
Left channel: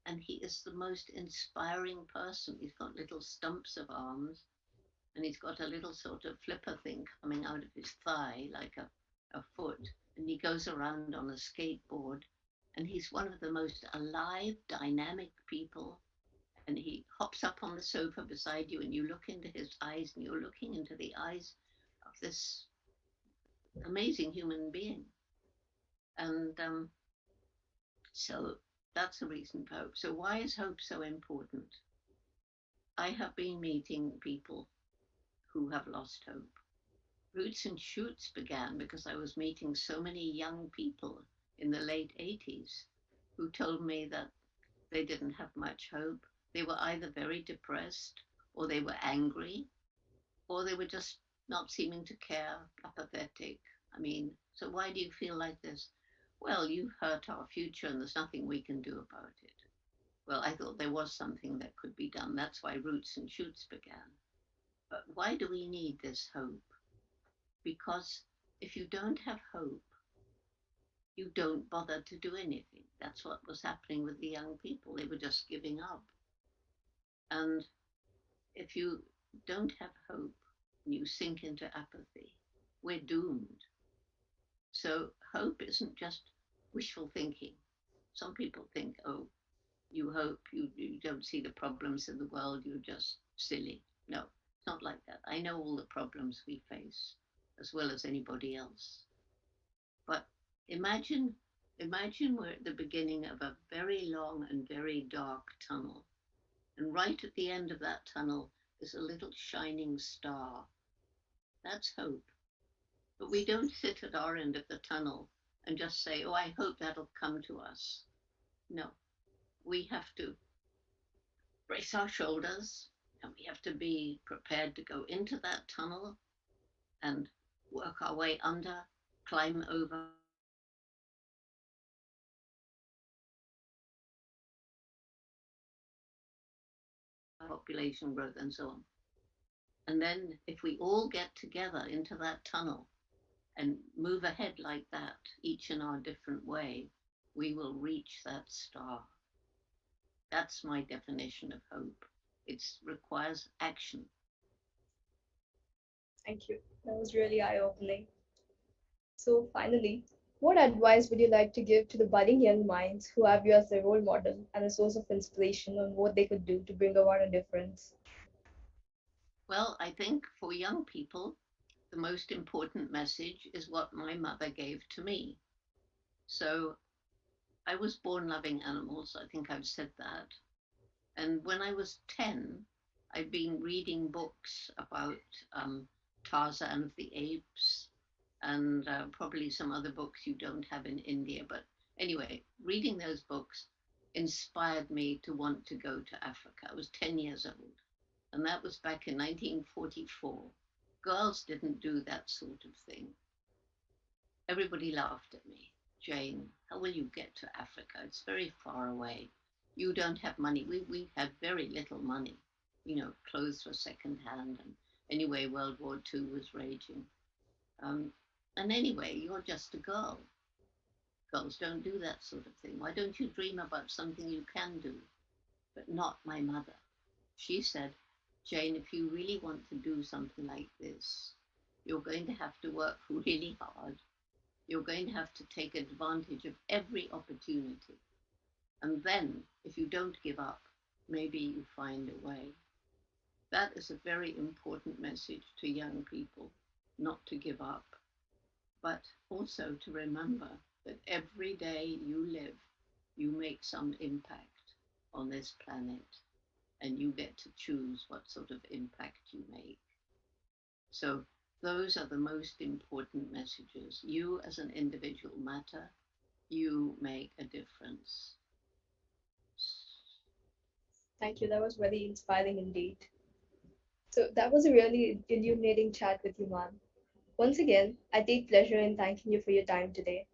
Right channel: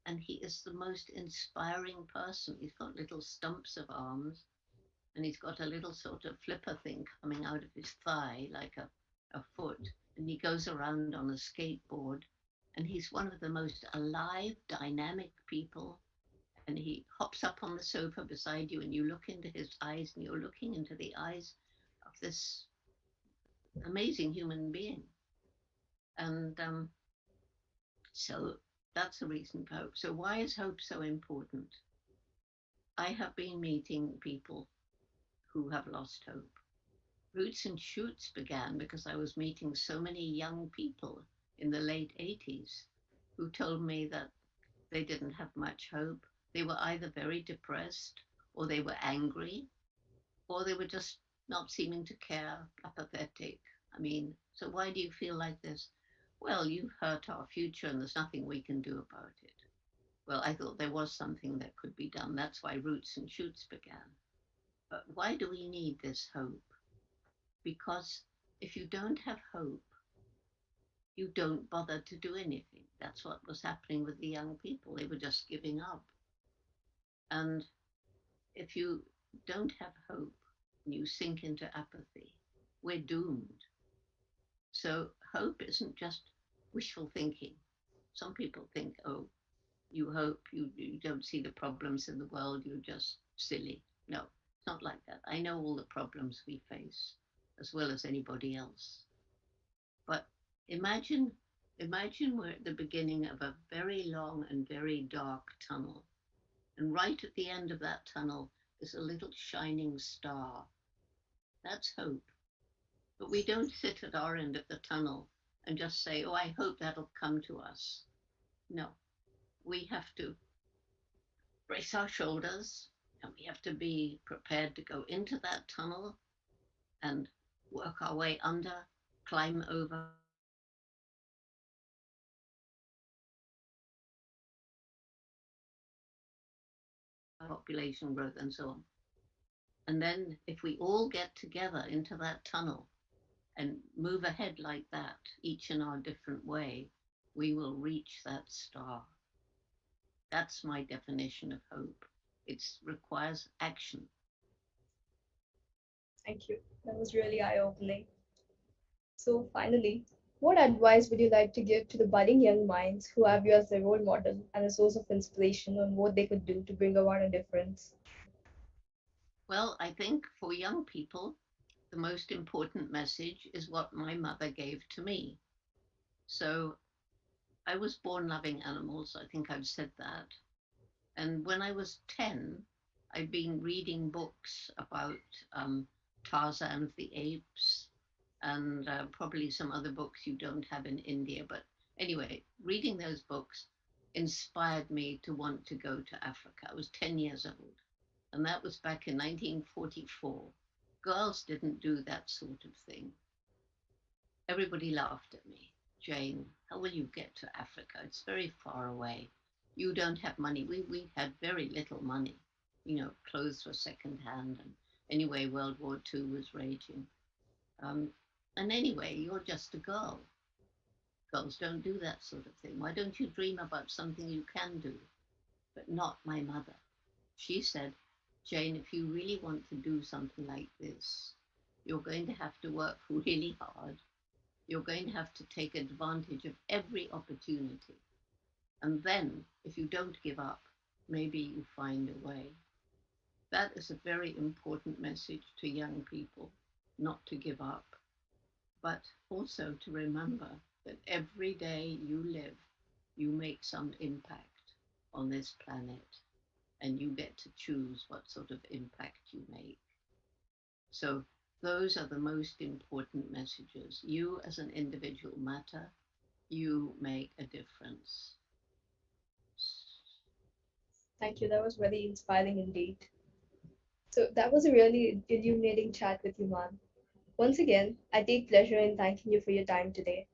And he is the most inspiring person. He's got little stumps of arms, and he's got a little sort of flipper thing coming out of his thigh, like a foot. And he goes around on a skateboard, and he's one of the most alive, dynamic people. And he hops up on the sofa beside you, and you look into his eyes, and you're looking into the eyes of this amazing human being. And so that's a reason for hope. So, why is hope so important? I have been meeting people who have lost hope. Roots and Shoots began because I was meeting so many young people in the late 80s who told me that they didn't have much hope. They were either very depressed, or they were angry, or they were just not seeming to care, apathetic. I mean, so why do you feel like this? Well, you've hurt our future and there's nothing we can do about it. Well, I thought there was something that could be done. That's why Roots and Shoots began. But why do we need this hope? Because if you don't have hope, you don't bother to do anything. That's what was happening with the young people. They were just giving up. And if you don't have hope, you sink into apathy. We're doomed. So hope isn't just wishful thinking. Some people think, oh, you hope, you don't see the problems in the world, you're just silly. No, it's not like that. I know all the problems we face as well as anybody else. But imagine we're at the beginning of a very long and very dark tunnel. And right at the end of that tunnel is a little shining star. That's hope. But we don't sit at our end of the tunnel and just say, oh, I hope that'll come to us. No, we have to brace our shoulders and we have to be prepared to go into that tunnel and work our way under, climb over population growth and so on. And then if we all get together into that tunnel and move ahead like that, each in our different way, we will reach that star. That's my definition of hope. It requires action. Thank you. That was really eye-opening. So finally, what advice would you like to give to the budding young minds who have you as their role model and a source of inspiration on what they could do to bring about a difference? Well, I think for young people, the most important message is what my mother gave to me. So I was born loving animals. I think I've said that. And when I was 10, I'd been reading books about Tarzan of the Apes and probably some other books you don't have in India. But anyway, reading those books inspired me to want to go to Africa. I was 10 years old, and that was back in 1944. Girls didn't do that sort of thing. Everybody laughed at me. Jane, how will you get to Africa? It's very far away. You don't have money. We had very little money. You know, clothes were secondhand. And anyway, World War II was raging. Um, and anyway, you're just a girl. Girls don't do that sort of thing. Why don't you dream about something you can do? But not my mother. She said, Jane, if you really want to do something like this, you're going to have to work really hard. You're going to have to take advantage of every opportunity. And then, if you don't give up, maybe you find a way. That is a very important message to young people, not to give up, but also to remember that every day you live, you make some impact on this planet, and you get to choose what sort of impact you make. So those are the most important messages. You as an individual matter. You make a difference. Thank you. That was very inspiring indeed. So that was a really illuminating chat with you, ma'am. Once again, I take pleasure in thanking you for your time today.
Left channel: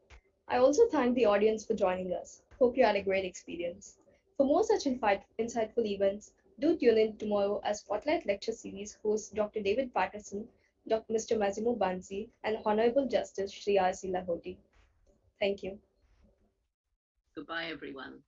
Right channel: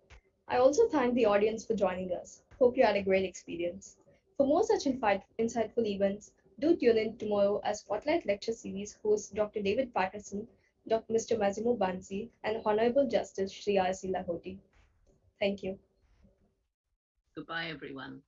I also thank the audience for joining us. Hope you had a great experience. For more such insightful events, do tune in tomorrow as Spotlight Lecture Series host Dr. David Patterson, Mr. Massimo Banzi, and Honorable Justice Shri R.C. Lahoti. Thank you. Goodbye, everyone.